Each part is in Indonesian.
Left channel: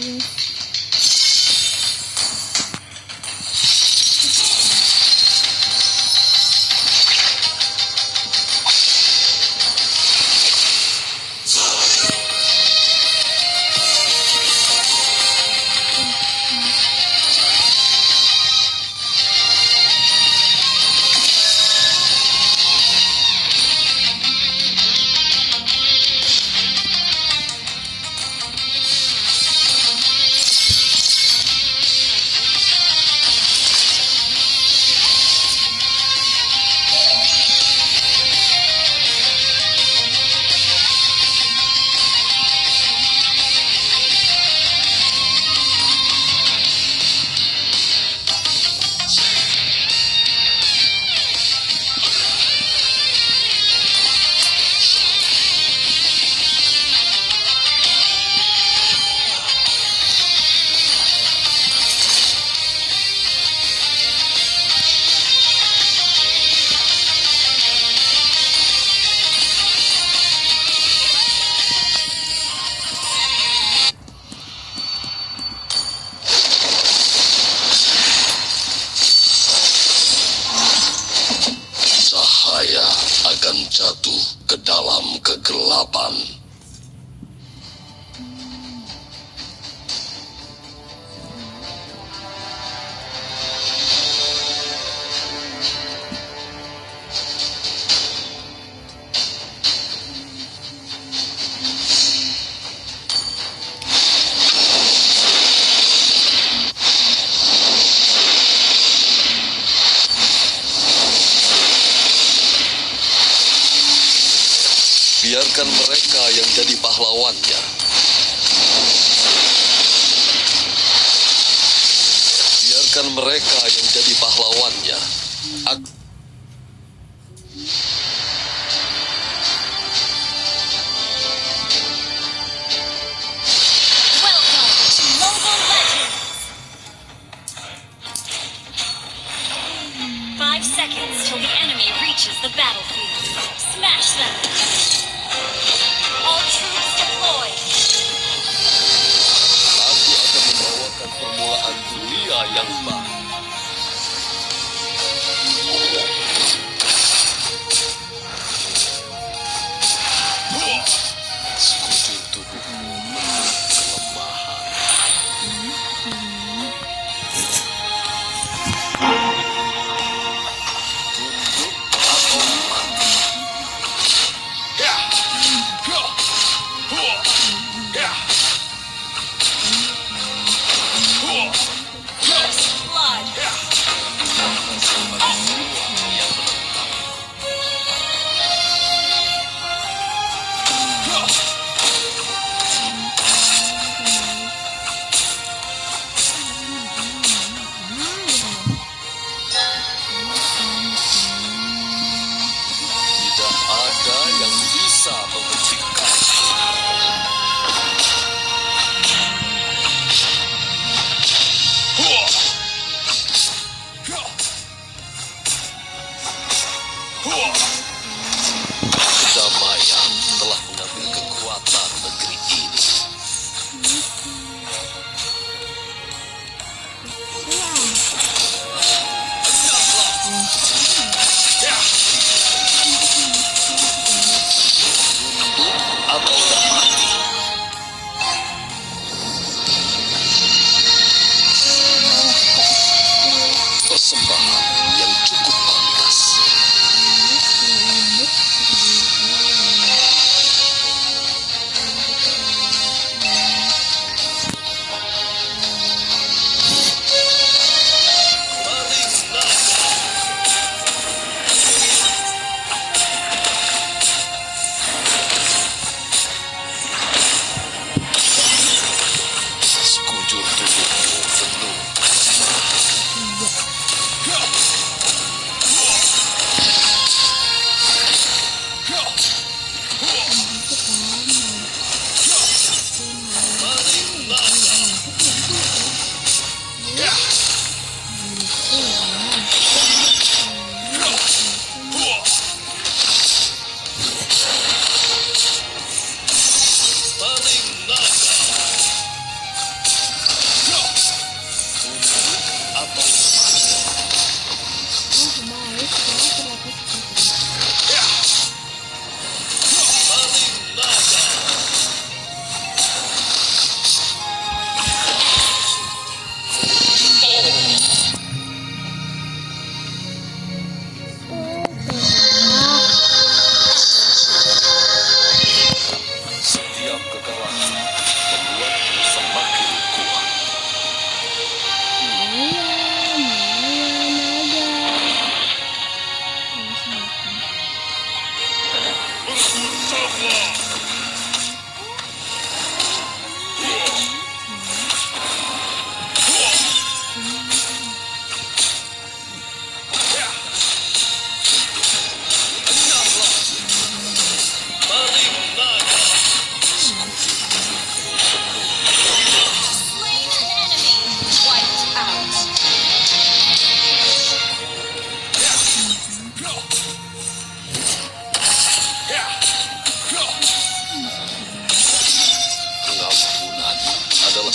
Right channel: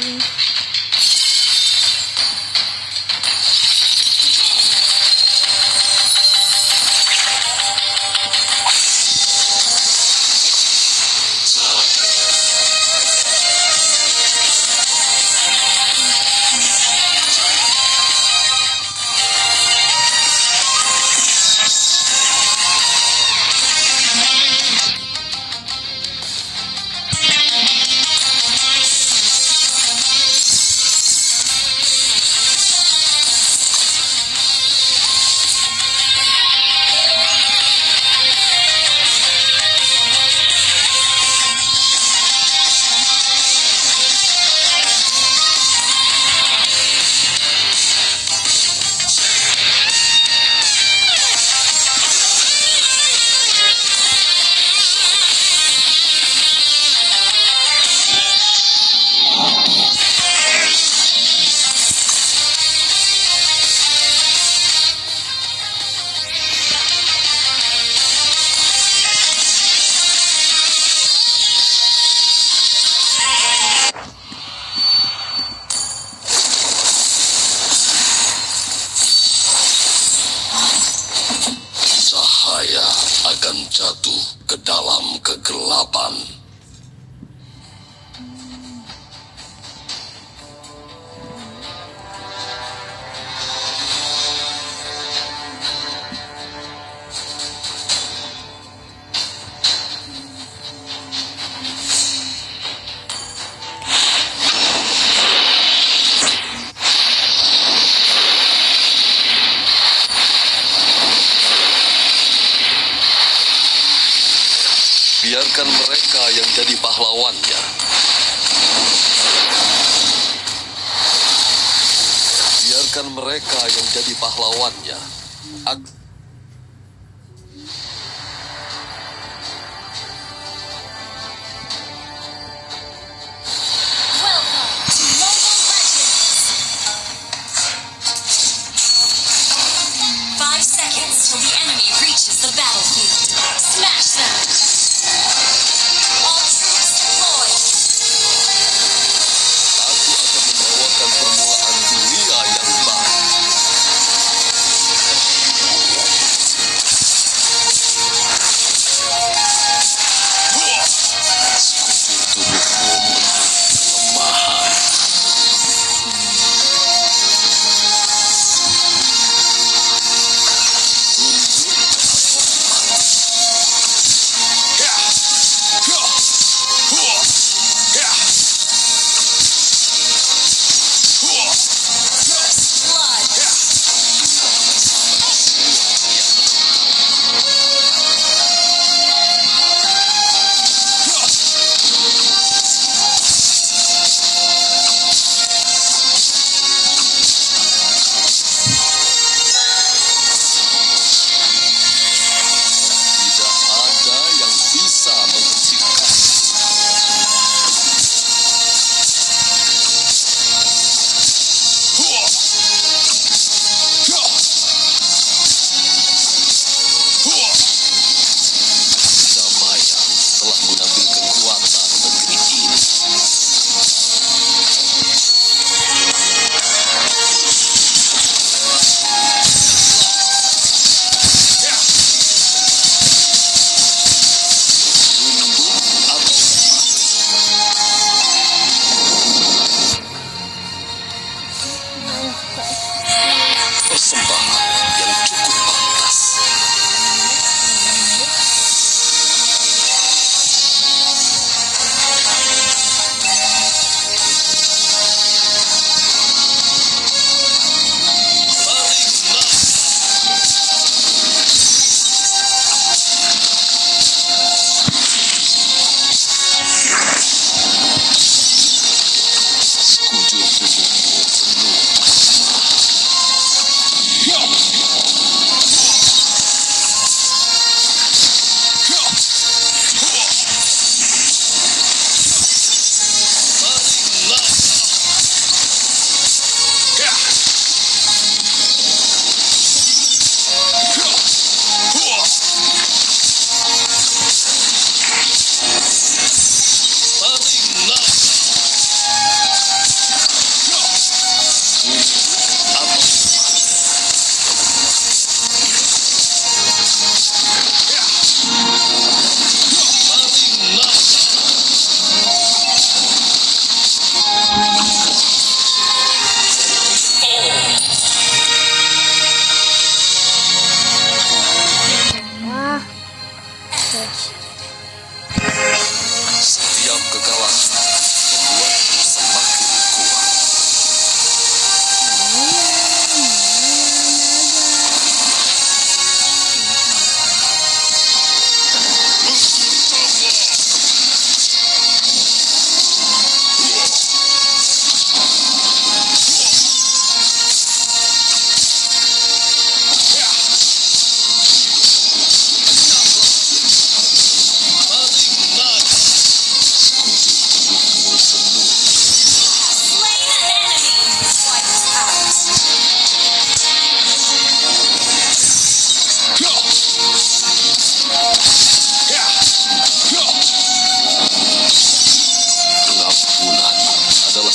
guys. Cahaya akan jatuh ke dalam kegelapan. Biarkan mereka yang jadi pahlawannya. Biarkan mereka yang jadi pahlawannya. Welcome to Mobile Legends! 5 seconds till the enemy reaches the battlefield. Smash them! All troops deployed! Aku akan membawakan permulaan dunia yang baru.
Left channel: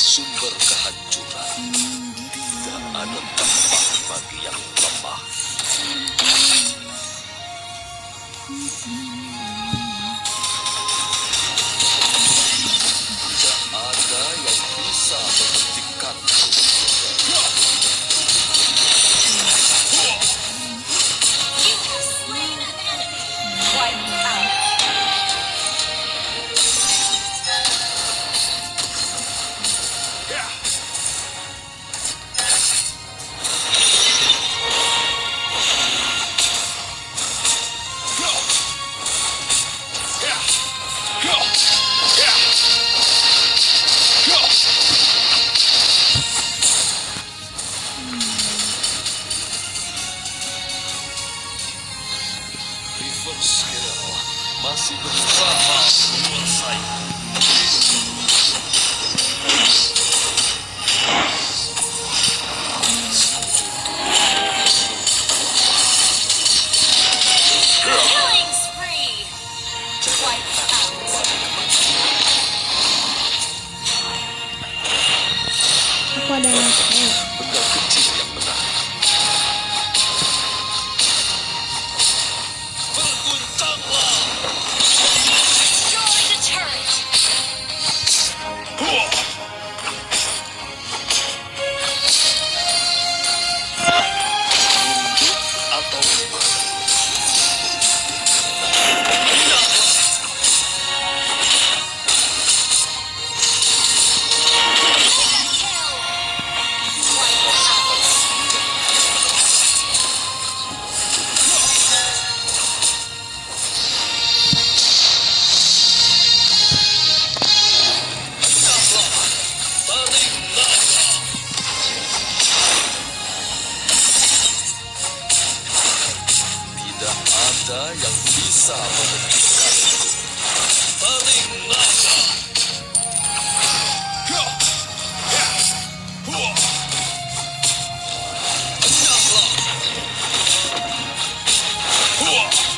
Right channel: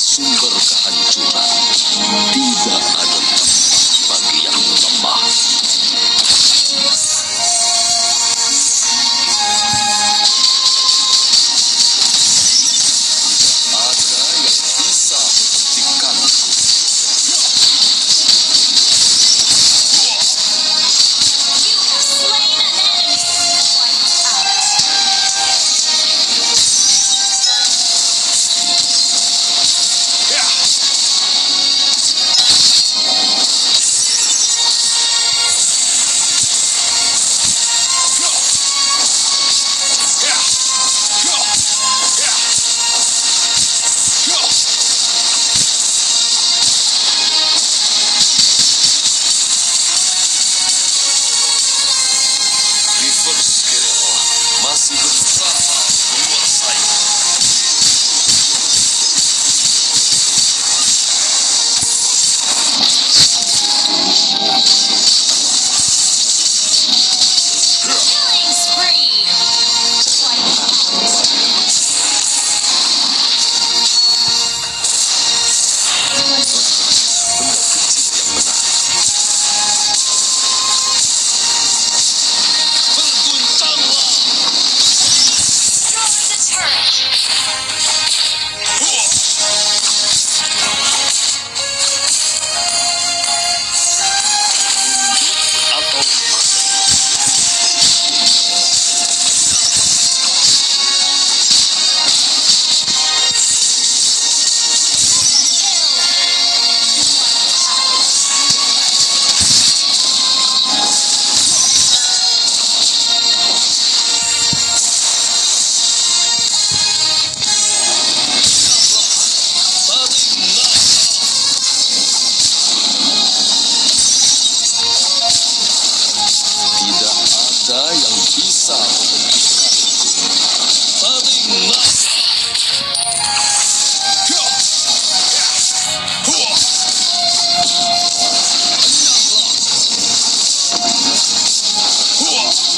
sumber kehancuran. Tidak ada tempat bagi yang lemah. Tidak ada yang bisa menghentikanku. You have slain an enemy. Wiped out. Reverse Scale masih berusaha menguasai. Killing spree. Wiped out. Aku ada yang Benda kecil yang benar. Berguncanglah. Destroy the turret. Atau Kill. Wiped out. tidak ada yang bisa menghentikanku. Taring naga.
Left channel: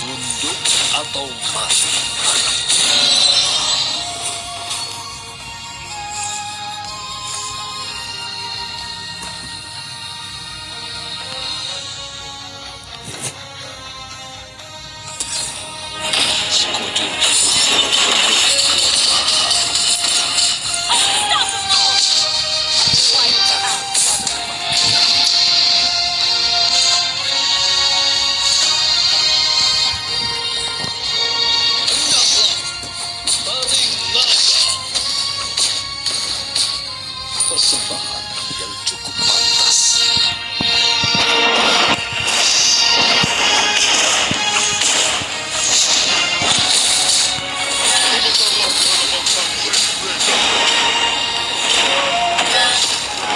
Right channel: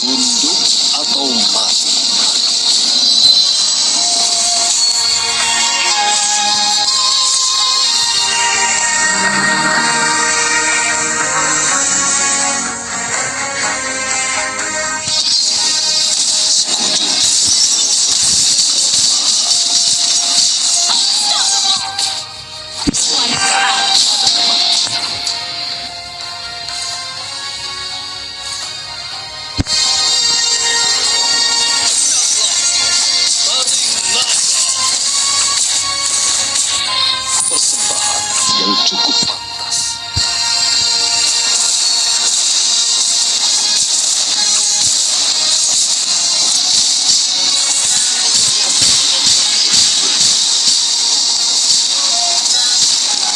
Tunduk atau mati. Sekujur Unstoppable. Wiped out. pada kematian. Taring naga. Persembahan yang cukup pantas.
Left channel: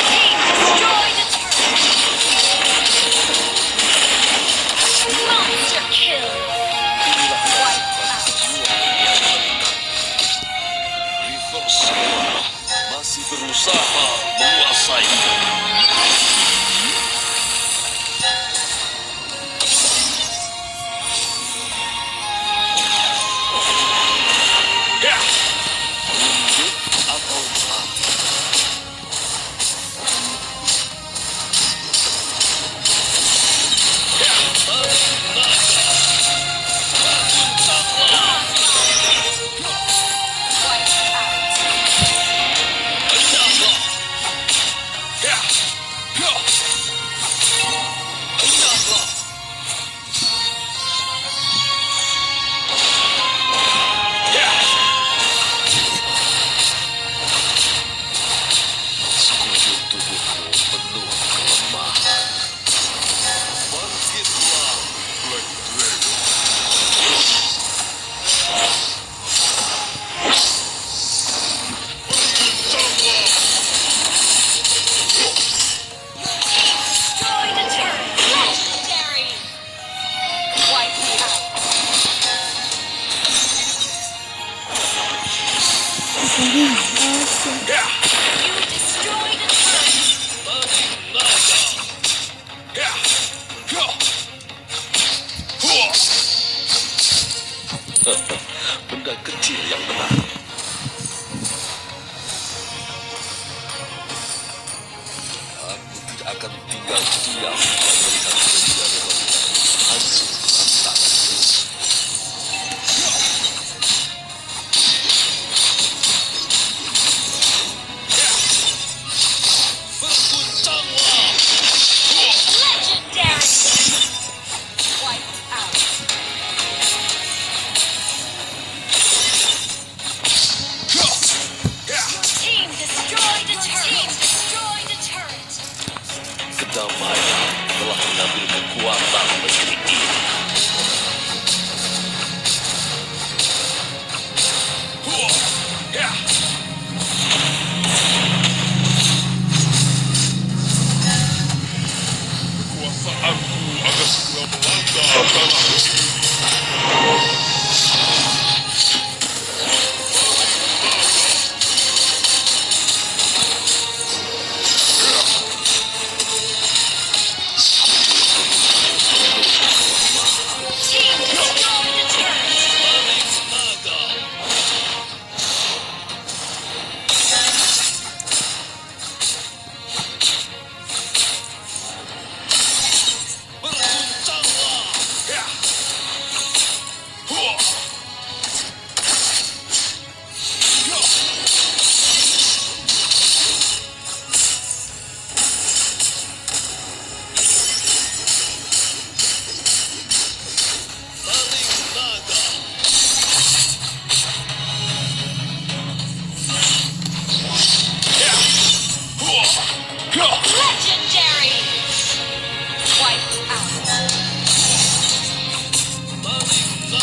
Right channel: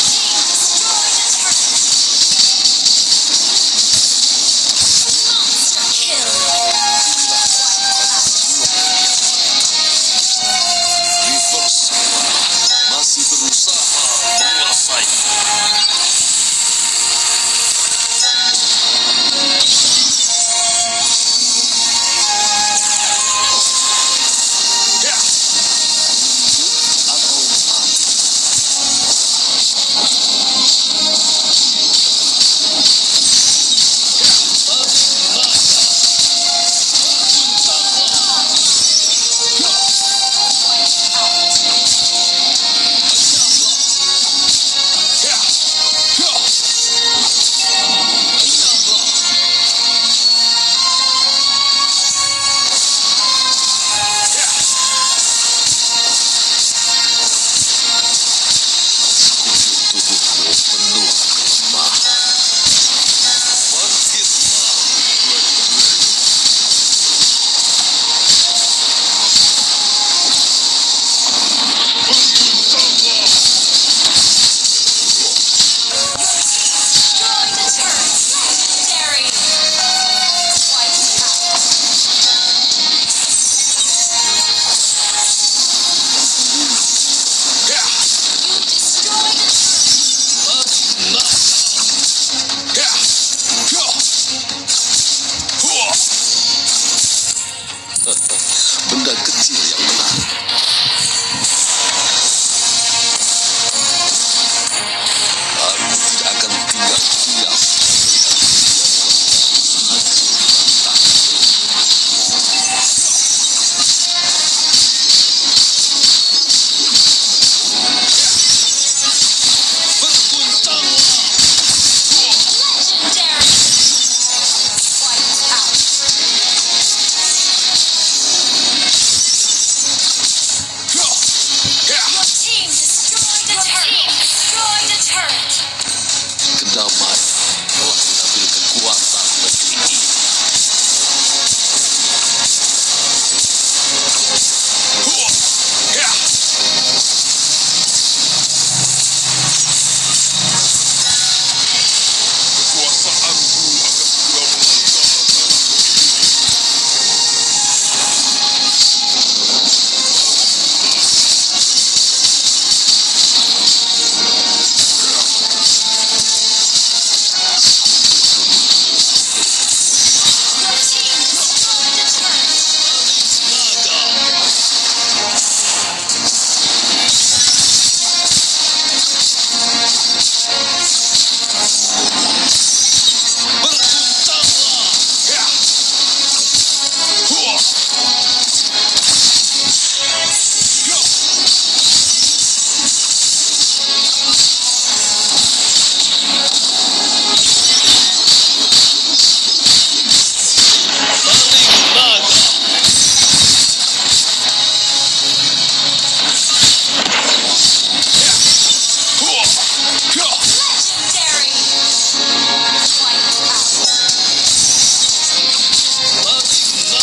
Team destroy the turret. Monster kill. Wiped out. Reverse Scale masih berusaha menguasai. Tunduk atau mati. Taring naga. Berguncanglah. Wiped out. Sekujur tubuhmu penuh kelemahan. Bangkitlah, Black Dragon. Berguncanglah. Destroy the turret. Legendary. Wiped out. You destroyed the turret. Taring naga. Benda kecil yang benar. Naga Maya telah mengambil kekuatan negeri ini. Kekuasaanku akan segera melanda tanah ini. Your team destroyed a turret. Naga. Berguncanglah. Taring naga. Legendary. Wiped out. Taring naga.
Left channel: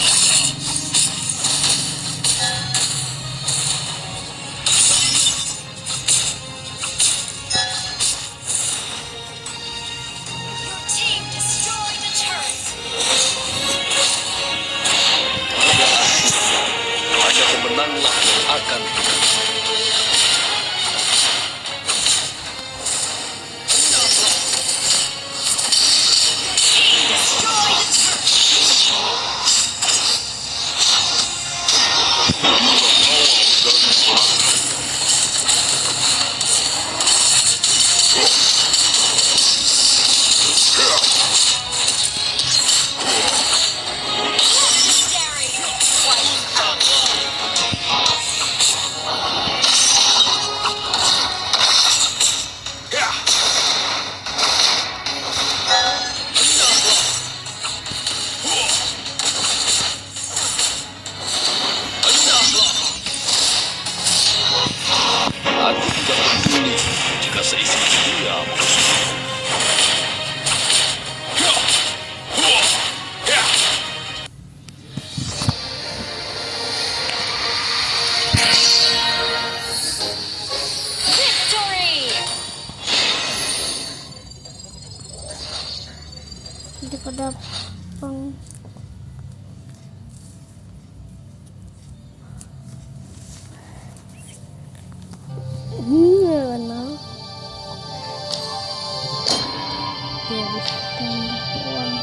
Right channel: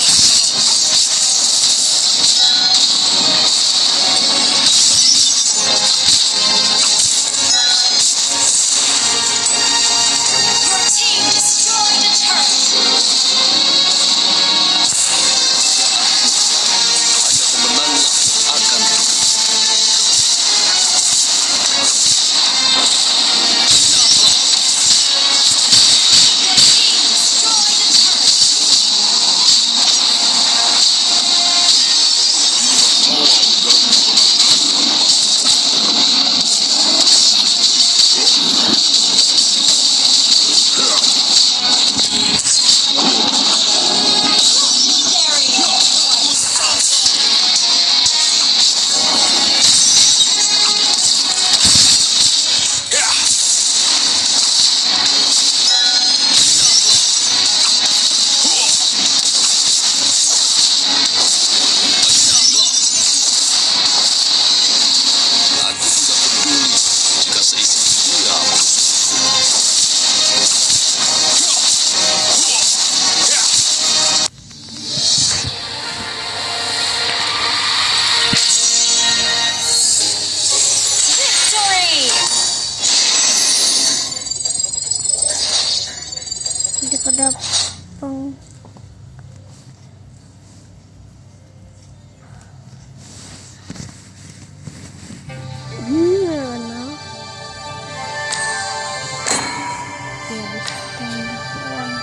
Your team destroyed a turret. Hanya pemenanglah yang akan Your team destroyed a turret. Legendary. Wiped out. Aku tidak peduli jika seisi dunia musuh. Victory. Daripada peng no. Ya bisa tambah uang.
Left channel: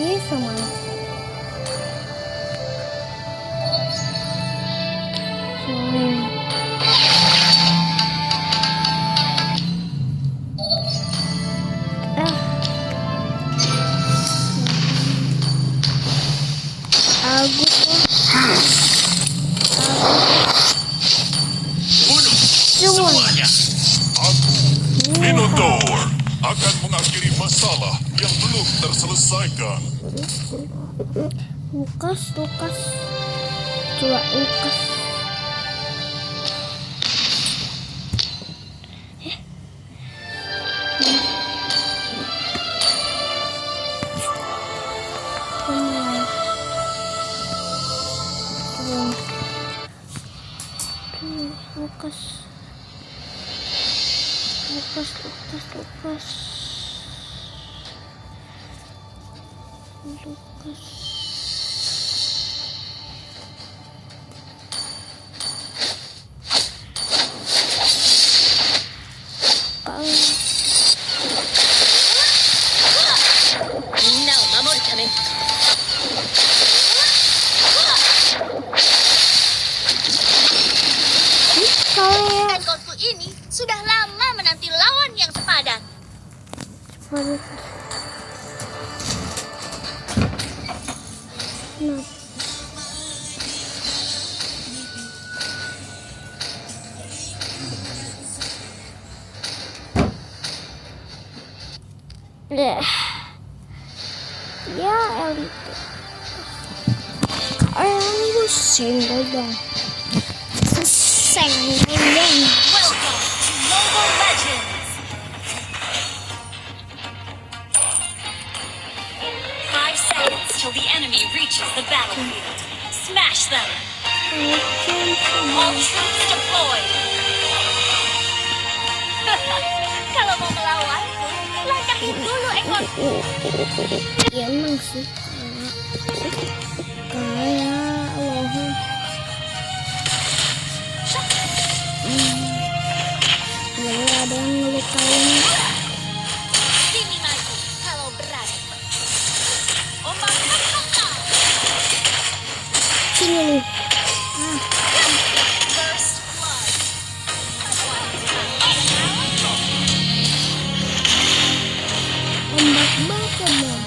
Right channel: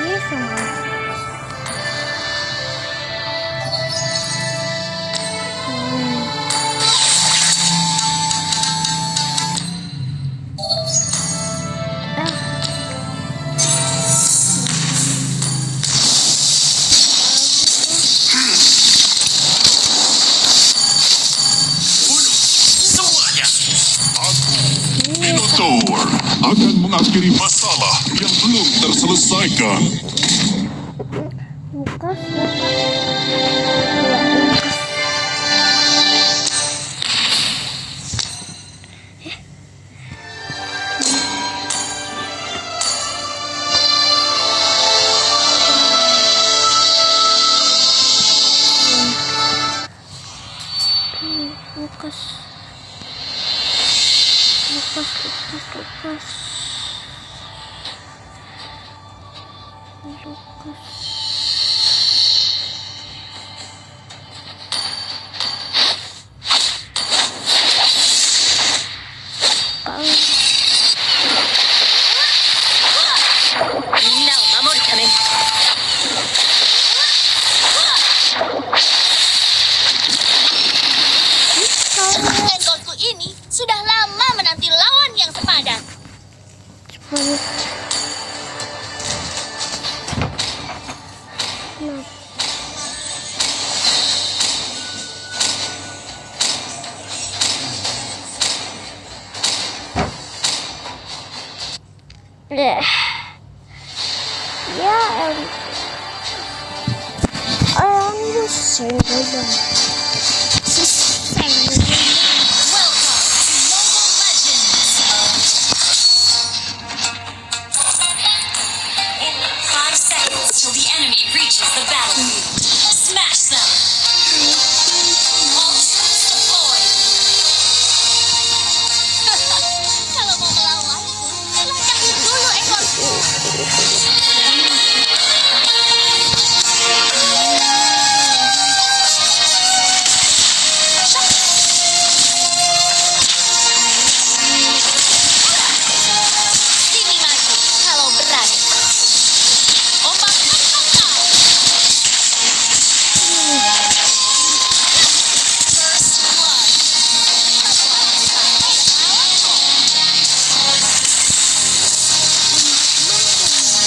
Yes, sama. Bunuh semuanya. Aku, Minotaur, akan mengakhiri masalah yang belum terselesaikan. Lukas. Ya, Lukas. Lukas. Ekorku ini sudah lama menanti lawan yang sepadan. Ya, ayo senggol dong. Senggol dong. Welcome to Mobile Legends. reaches the battlefield. Smash them! All troops deployed! Kalau mau melawan, lancakin dulu ekorku. Ya emang sih. Sini maju kalau berani. Ombak raksasa. Sini nih. First blood. Ombak baka dong.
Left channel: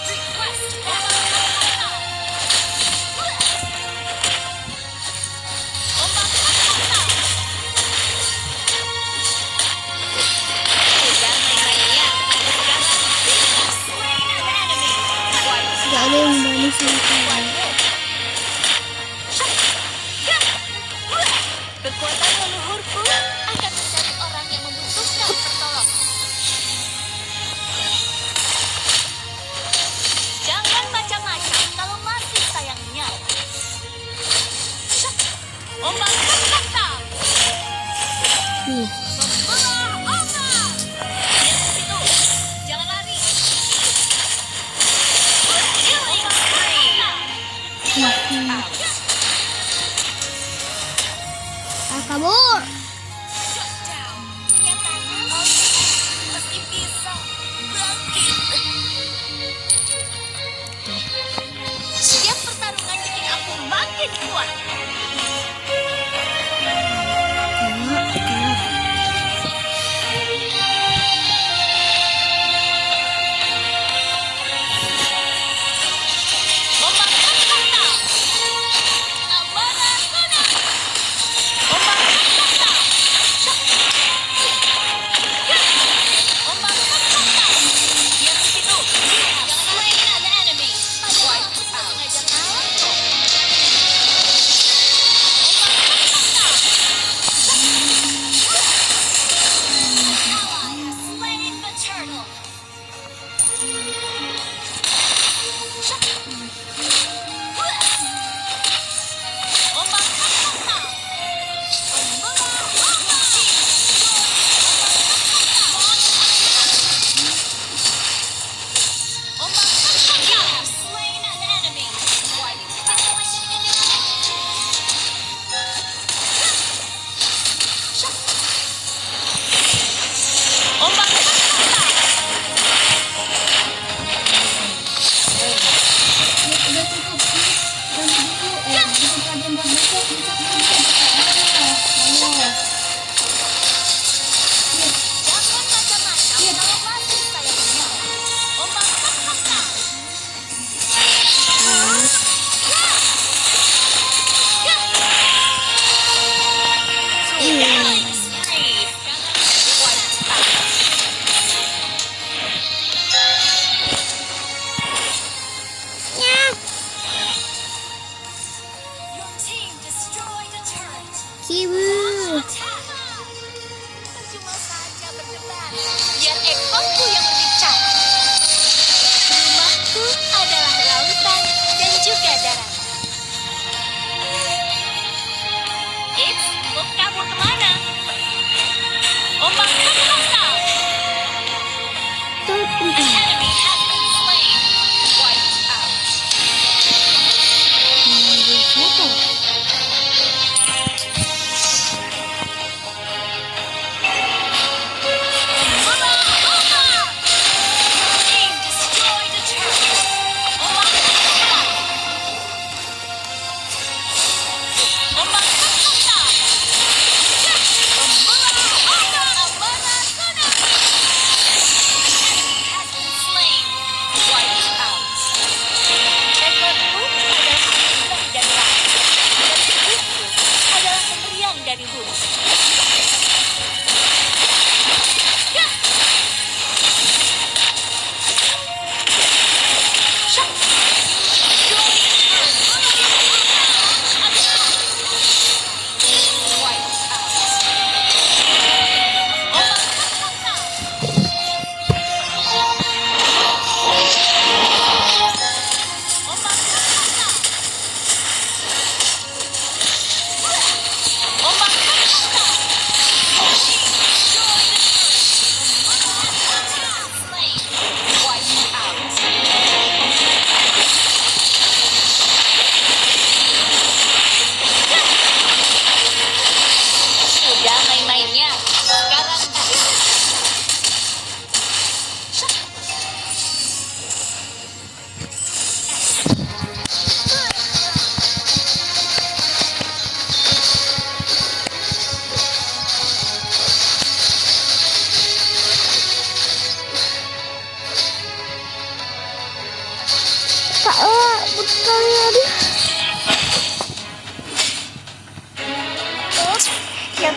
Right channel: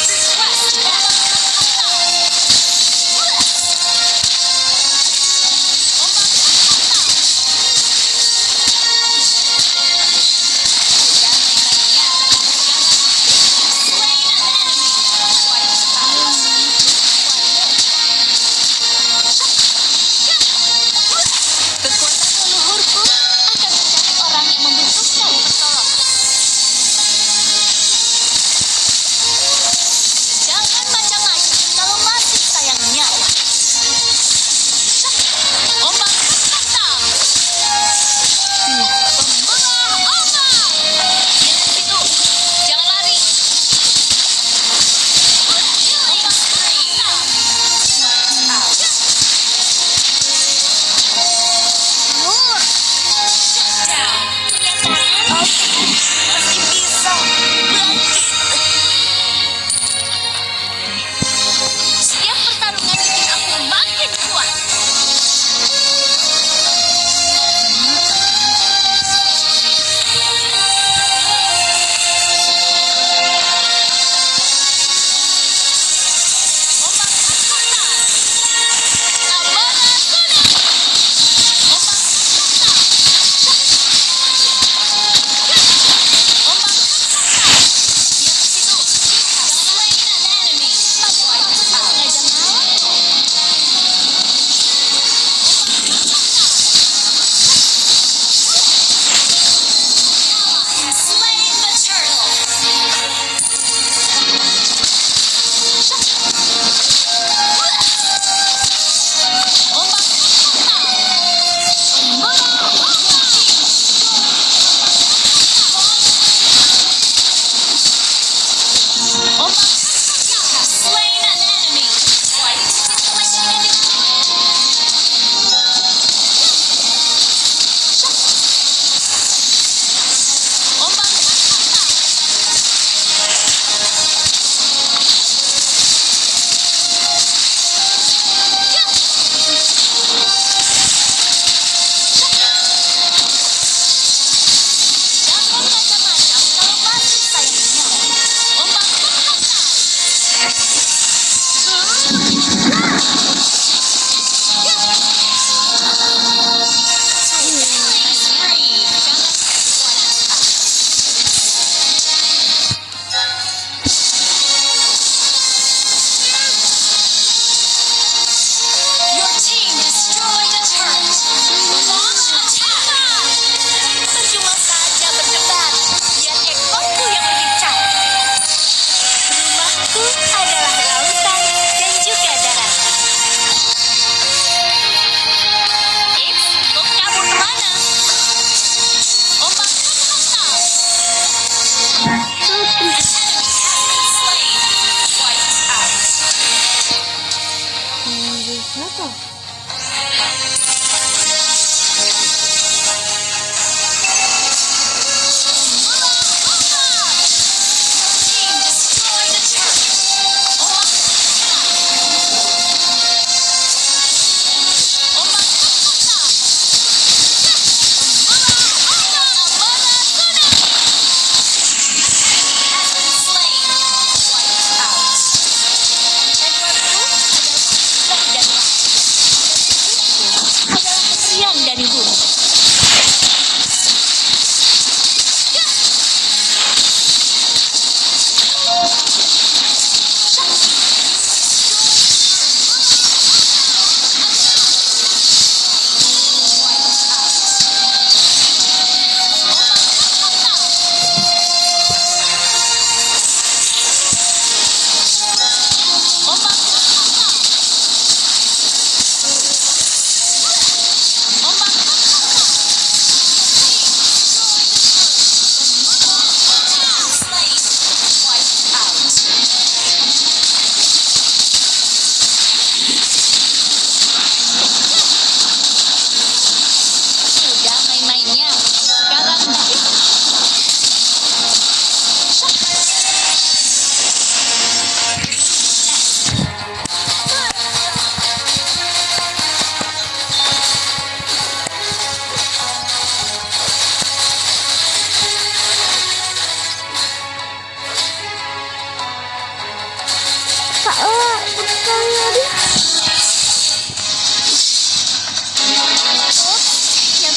Request battle raksasa. Ombak raksasa. Jangan main-mainnya. Jangan. Slain an enemy. Gak ada yang berani sama kamu. Kekuatan leluhurku akan mencari orang yang membutuhkan pertolongan. Jangan macam-macam kalau masih sayang nyawa. Ombak raksasa. Pembelah ombak. Dia dari situ. Jangan lari. Killing spree. Kakak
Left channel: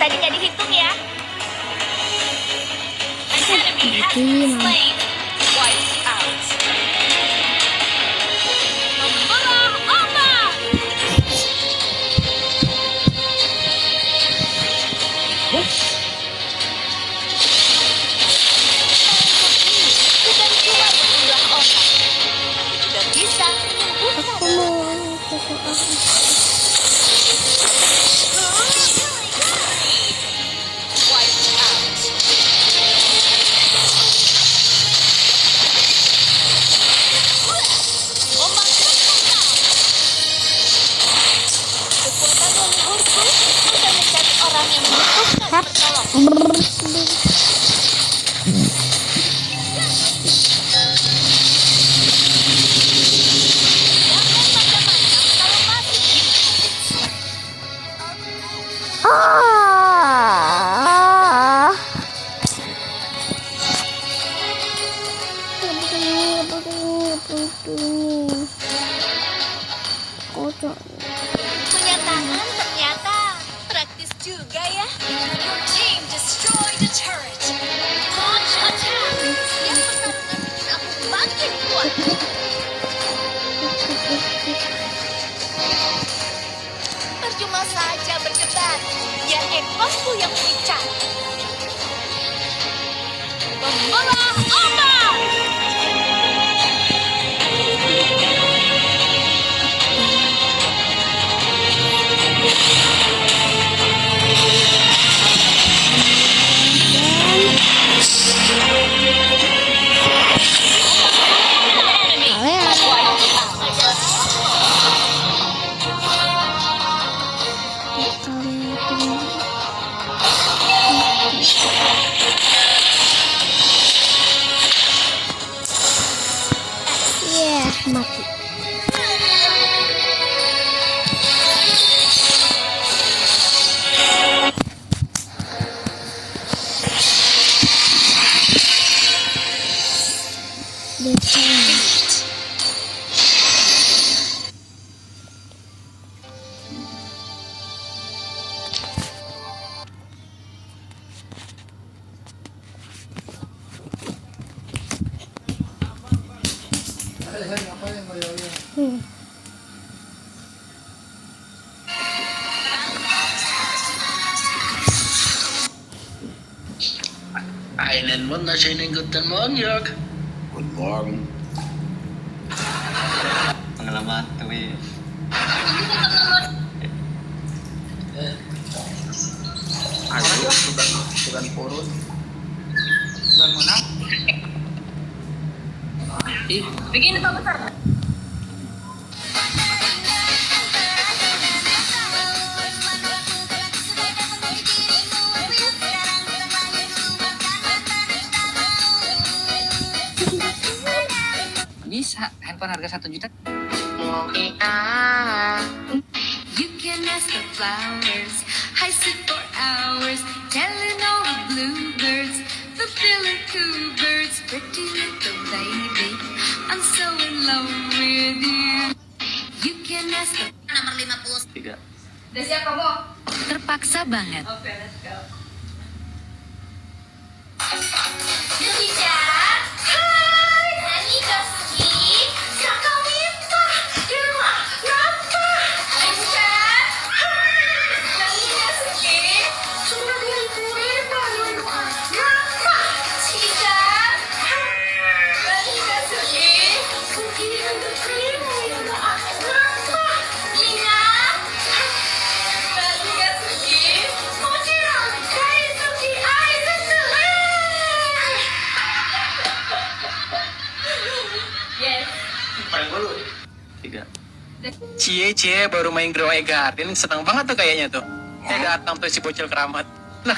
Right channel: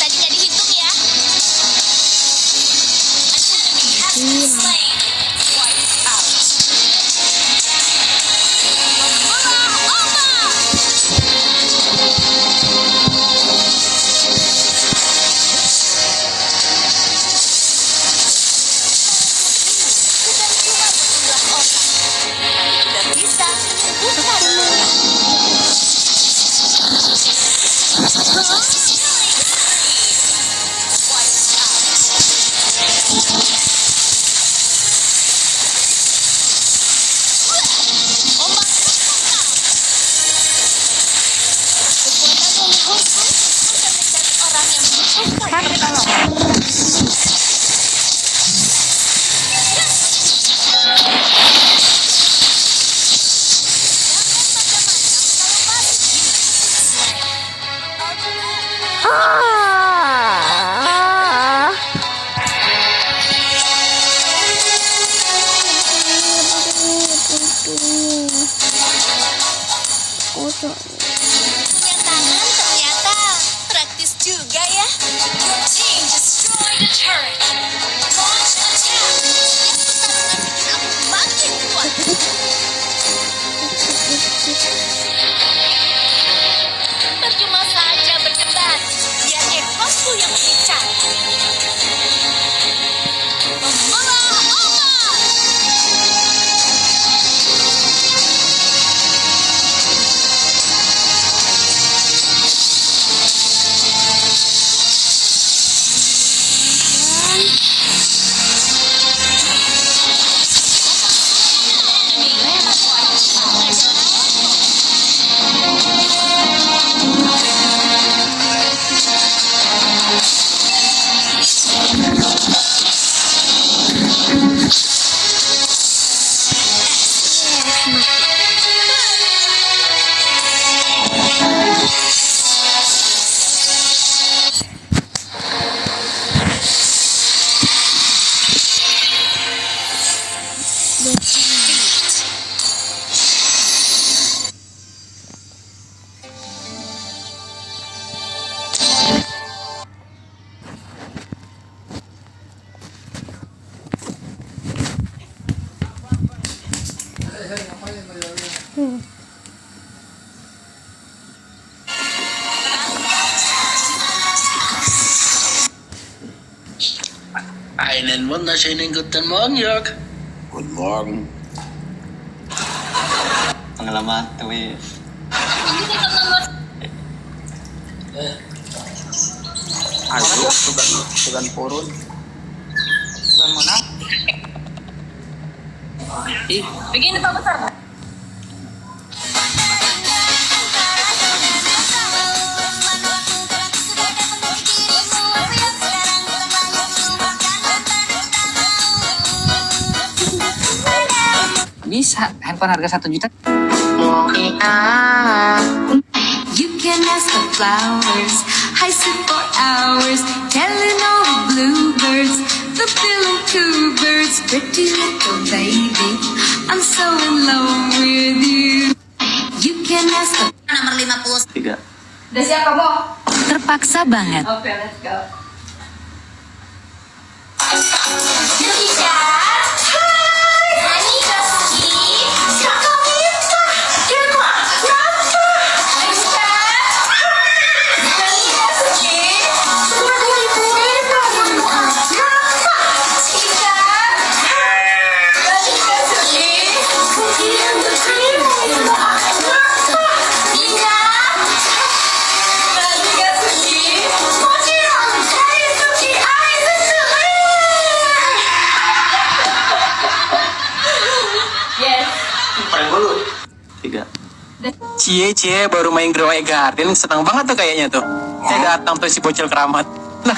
tadinya dihitung ya. An enemy has been slain. Wiped out. Membelah ombak. Bukan cuma menjumlah orang, tapi juga bisa menyembuhkan luka. Wiped out. Ombak terkekal. Kekuatan leluhurku akan mencari orang yang membutuhkan pertolongan. Jangan macam-macam kalau masih ingin berselai. Kocok. Punya tangan ternyata praktis juga ya. Your team destroyed a turret. Launch attack. Yang pertarungan bikin aku makin kuat. Percuma saja berdebat. Biar ekosku yang bicara. Membelah ombak. Enemy wiped out. Mati. Einen wunderschönen guten Morgen, Jörg. Guten Morgen. Pengalaman tuh. Ayo, bukan purun. Bukan mana? Ih, Begini Pak Besar. Bisa handphone harga 1 juta. You can ask the flowers, I sit for hours, telling all the bluebirds, the bill and two birds, pretty little baby, I'm so in love with you. You can ask the Nomor 50. 3. Udah siap kamu? terpaksa banget. Oke, let's go. Indonesia. Hai. Nani Kasuki. Kakak Minta. Kira kenapa? Indonesia. Nani Kasuki. Sudah dilipuin kenapa? Indonesia. Nani Kasuki. Kukian terima kenapa? Ina. Nani Kasuki. Mochiron. Daisuki. Aizusu. Yes. Prank dulu. 3. Cie baru main Grow Garden senang banget tuh kayaknya tuh. Saya datang tuh si bocil keramat. Nah,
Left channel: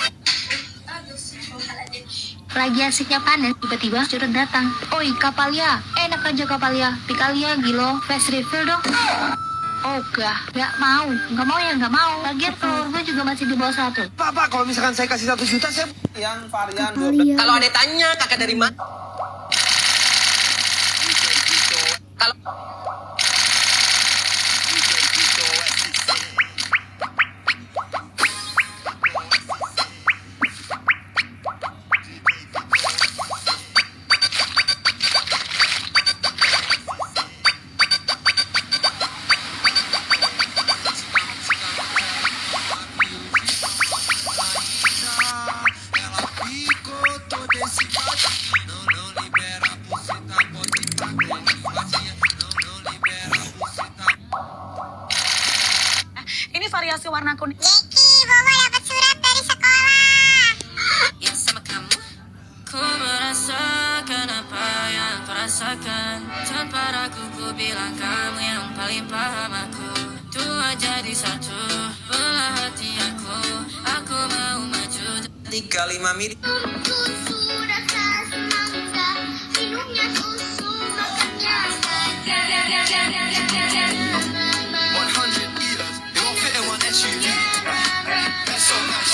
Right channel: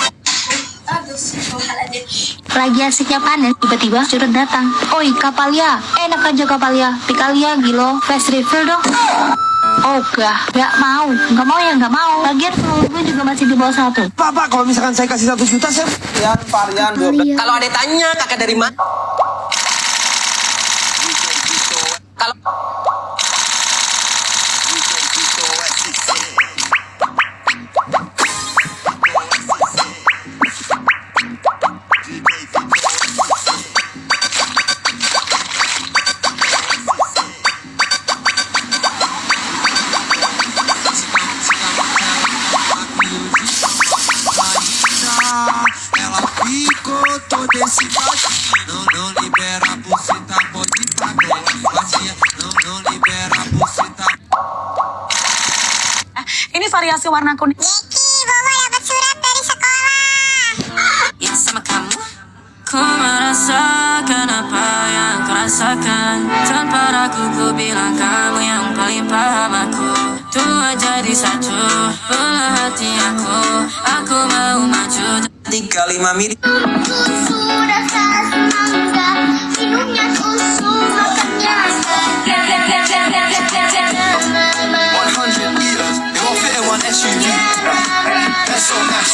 Lagi asiknya panen, tiba-tiba curut datang. Oi, Kapalia, enak aja Kapalia. Pikalia, Gilo, fast refill dong. Oh, nggak mau. Nggak mau ya, nggak mau. Lagian follower gue juga masih di bawah 1. Pak, kalau misalkan saya kasih 1 juta, saya varian 12. kalau ada tanya kakak dari mana? Kalau Ini variasi warna kuning. Yeki, Mama dapat surat dari sekolah. Ya sama kamu. Ku merasakan apa yang kau rasakan. Tanpa ragu ku bilang kamu yang paling paham aku. Tua jadi satu, belah hati aku. Aku mau maju. 35 mili. Sudah saat mangga, minumnya susu, makannya 100 meters, they won't fit in one SUV. SOS.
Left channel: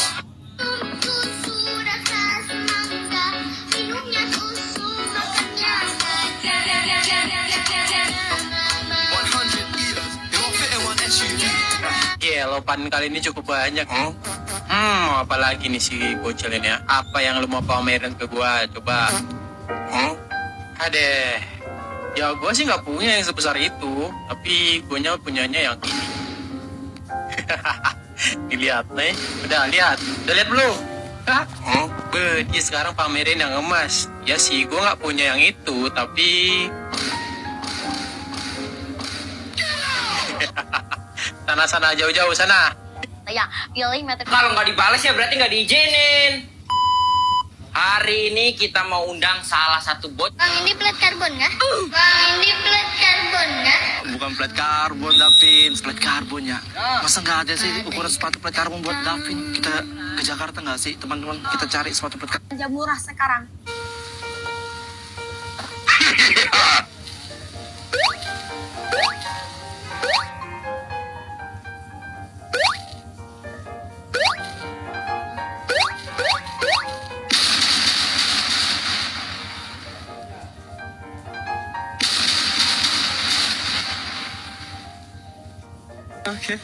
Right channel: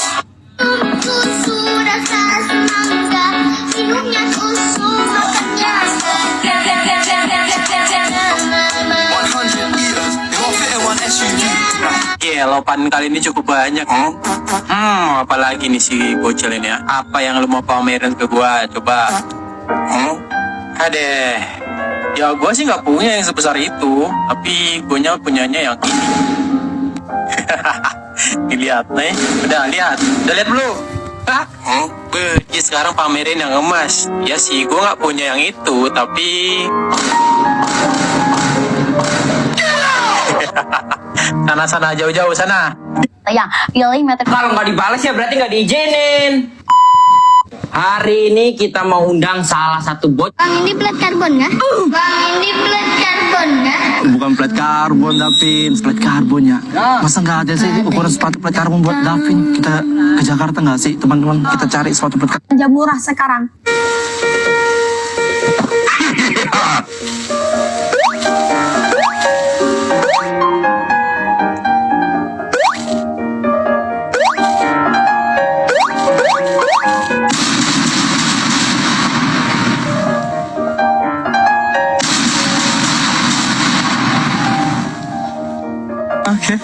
sudah saat mangga, minumnya susu, makannya 100 meters, they won't fit in one SUV. Lopan kali ini cukup banyak. Apalagi nih si bocil ini ya. Apa yang lu mau pamerin ke gua? Coba. Adeh. Ya gua sih nggak punya yang sebesar itu. Tapi punyanya yang ini. Dilihat nih. Udah lihat belum? Hah? Dia sekarang pamerin yang emas. Ya sih, gua nggak punya yang itu. Tapi sana jauh-jauh sana. Ya, pilih meter. Kalau nggak dibalas ya berarti nggak diizinin. Hari ini kita mau undang salah satu bot. Bang, ini plat karbon nggak? Bang, ini plat karbon nggak? Bukan plat karbon, Davin. Plat karbonnya. Masa nggak ada sih ukuran sepatu plat karbon buat Davin? Kita ke Jakarta nggak sih, teman-teman? Kita cari sepatu plat karbon. Jam murah sekarang. Oke.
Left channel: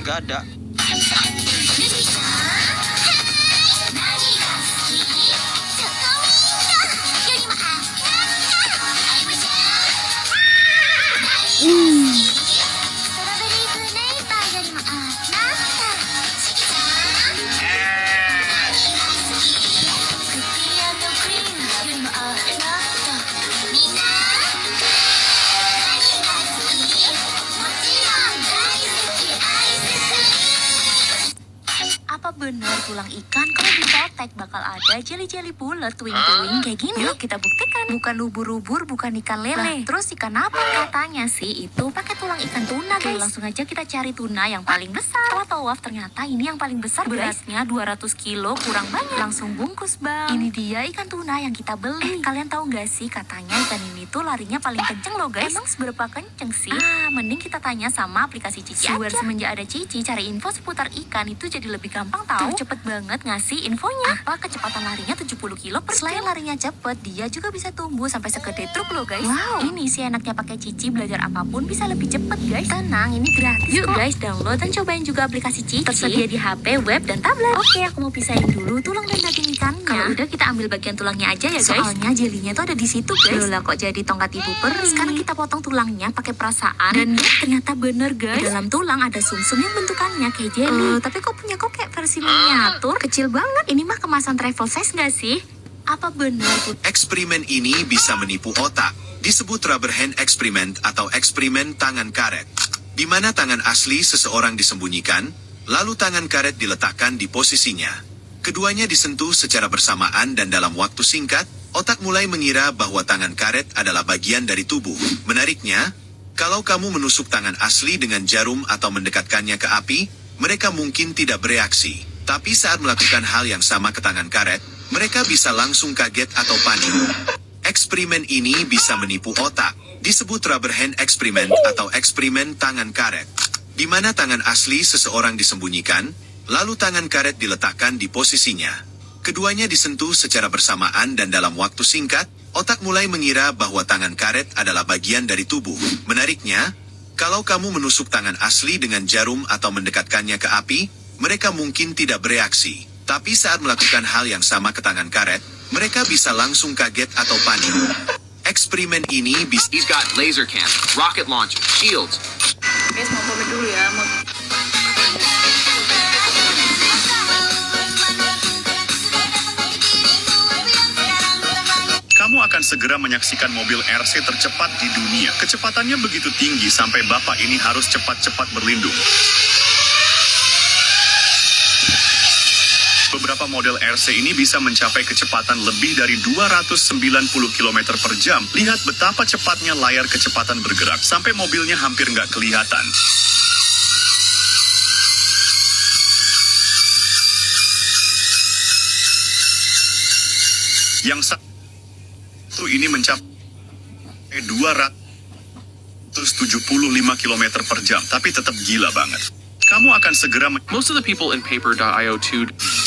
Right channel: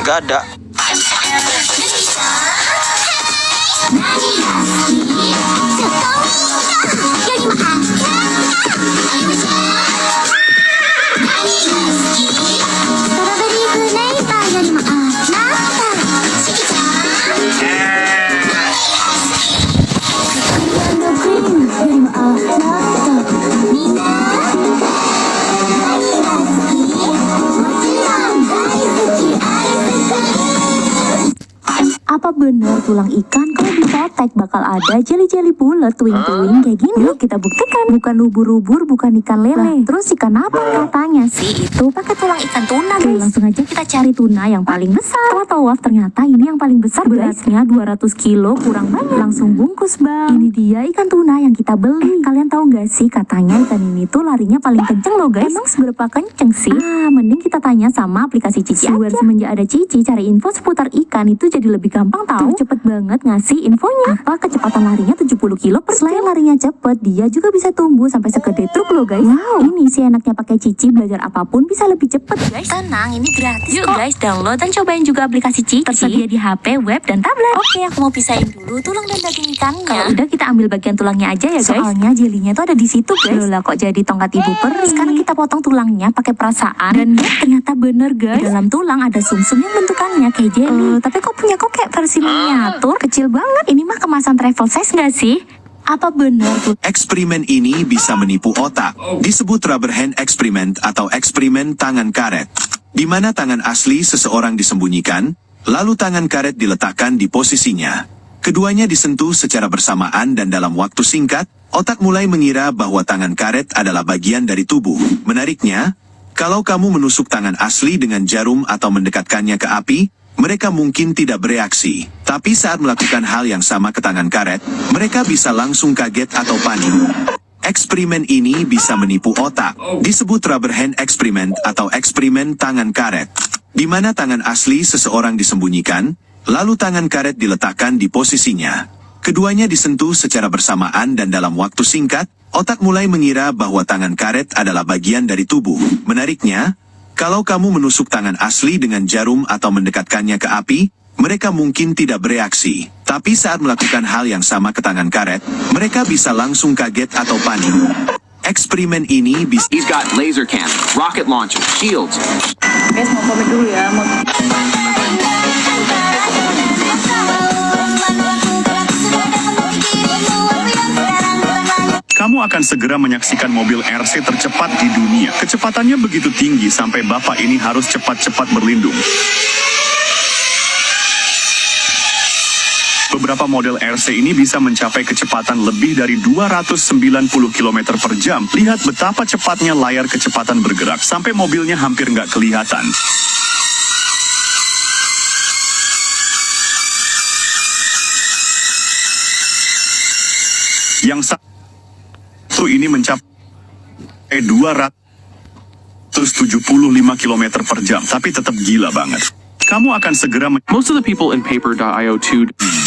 Gak ada. Apa benar tulang ikan kalau dipotek bakal ada jeli-jeli bulat twing-twing kayak gini? Yuk kita buktikan. Bukan ubur-ubur, bukan ikan lele. Terus ikan apa? Katanya sih itu pakai tulang ikan tuna, guys. Langsung aja kita cari tuna yang paling besar. Setelah tawaf ternyata ini yang paling besar, guys. Beratnya 200 kilo kurang banyak. Langsung bungkus, Bang. Ini dia ikan tuna yang kita beli. Kalian tahu nggak sih katanya ikan ini tuh larinya paling kenceng loh, guys. Emang seberapa kenceng sih? Mending kita tanya sama aplikasi Cici aja. Semenjak ada Cici, cari info seputar ikan itu jadi lebih gampang tahu. Cepet banget ngasih infonya. Apa kecepatan larinya 70 kilo per jam. Selain larinya cepet, dia juga bisa tumbuh sampai segede truk loh, guys. Wow. Ini sih enaknya pakai Cici, belajar apapun bisa lebih cepet, guys. Tenang, ini gratis. Yuk guys, download dan cobain juga aplikasi Cici. Tersedia di HP, web, dan tablet. Oke, aku mau pisahin dulu tulang dan daging ikannya. Kalau udah kita ambil bagian tulangnya aja ya, guys. Soalnya jelinya tuh ada di situ, guys. Loh lah, kok jadi tongkat ibu peri. Sekarang kita potong tulangnya pakai perasaan. Dan ya, ternyata bener, guys. Di dalam tulang ada sumsum yang bentukannya kayak jeli. Tapi kok punya kok kayak versi miniatur, kecil banget. Ini mah kemasan travel size nggak sih? Apa benar tuh? Eksperimen ini bisa menipu otak. Disebut rubber hand experiment atau eksperimen tangan karet. Di mana tangan asli seseorang disembunyikan, lalu tangan karet diletakkan di posisinya. Keduanya disentuh secara bersamaan dan dalam waktu singkat, otak mulai mengira bahwa tangan karet adalah bagian dari tubuh. Menariknya, kalau kamu menusuk tangan asli dengan jarum atau mendekatkannya ke api, mereka mungkin tidak bereaksi. Tapi saat melakukan hal yang sama ke tangan karet, mereka bisa langsung kaget atau panik. Eksperimen ini bisa menipu otak. Disebut rubber hand experiment atau eksperimen tangan karet. Di mana tangan asli seseorang disembunyikan, lalu tangan karet diletakkan di posisinya. Keduanya disentuh secara bersamaan dan dalam waktu singkat, otak mulai mengira bahwa tangan karet adalah bagian dari tubuh. Menariknya, kalau kamu menusuk tangan asli dengan jarum atau mendekatkannya ke api, mereka mungkin tidak bereaksi. Tapi saat melakukan hal yang sama ke tangan karet, mereka bisa langsung kaget atau panik. Eksperimen ini bisa... He's got laser cannon, rocket launcher, shields. Guys, mau pamit dulu ya. Kamu akan segera menyaksikan mobil RC tercepat di dunia. Kecepatannya begitu tinggi sampai bapak ini harus cepat-cepat berlindung. Beberapa model RC ini bisa mencapai kecepatan lebih dari 290 km per jam. Lihat betapa cepatnya layar kecepatan bergerak sampai mobilnya hampir nggak kelihatan. Yang satu ini mencapai 275 km per jam, tapi tetap gila banget. Kamu akan segera... Most of the people in Paper.io 2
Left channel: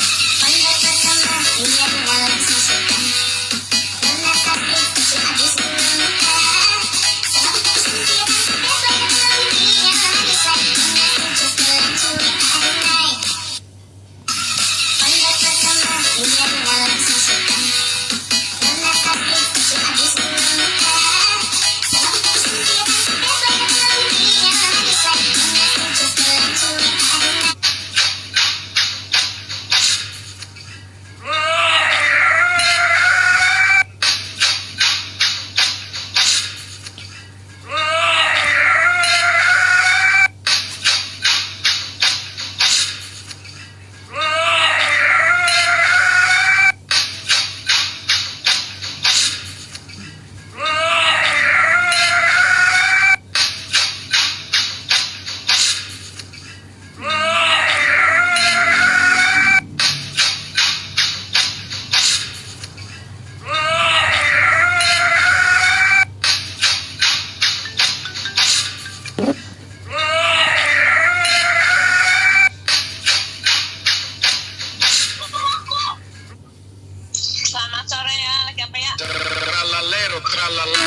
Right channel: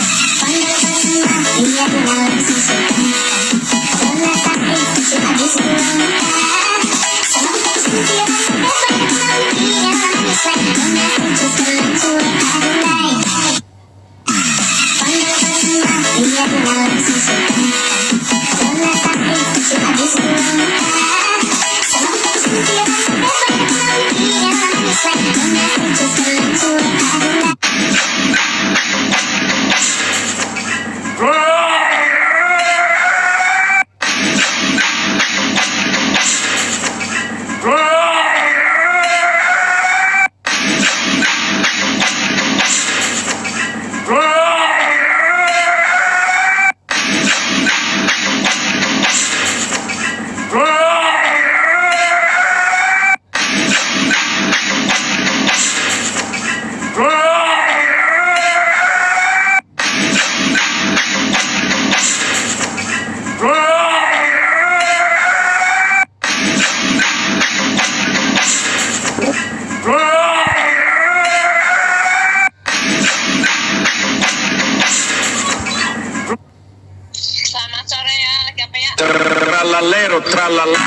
Selamat sore ya, lagi apa ya? Tralalero, tralala.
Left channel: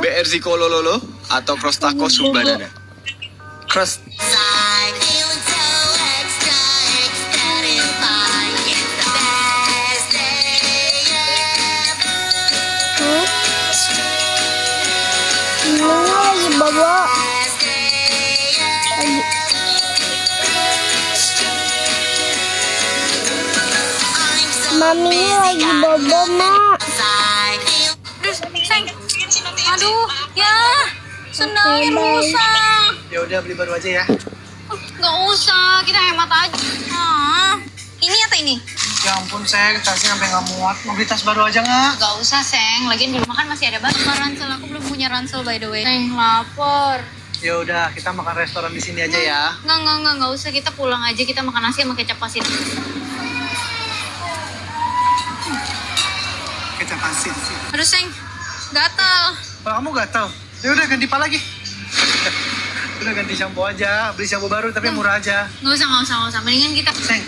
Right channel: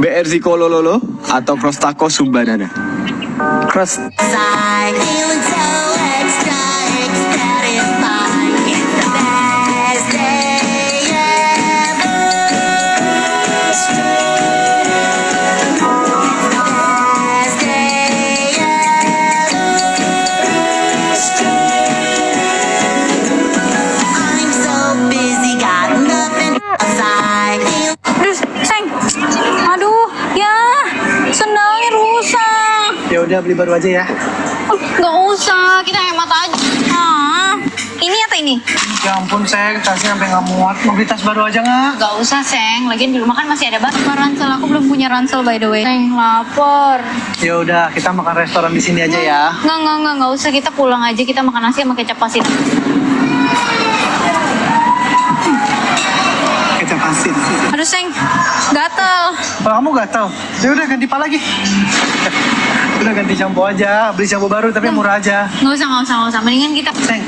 BRZ Kolololo atau Cross Taco Sumbanana? Cross. Aduh, ya, sendalnya rusak. Ya udah beli baru aja ya. Nggak usah, kita hemat aja. Ini atau ini? Ya ampun, Seng, tasnya sampai nggak muat. Mau beli tas baru aja nggak? Nggak usah, Seng. Lagian di rumah kan masih ada banyak ransel. Aku belum punya ransel, by the way. Seng, lapar. Ya udah, kita makan restoran di sini aja ya. Nggak usah. Kita pulang aja. Kita makan nasi sama kecap asin. Kecap asin. Aduh, Seng, gatel. Kalau kamu gatal, ya udah ganti pala lagi. Udah ganti shampoo aja, beli shampoo baru tapi murah aja. Nggak usah. Mendingan kita... Seng,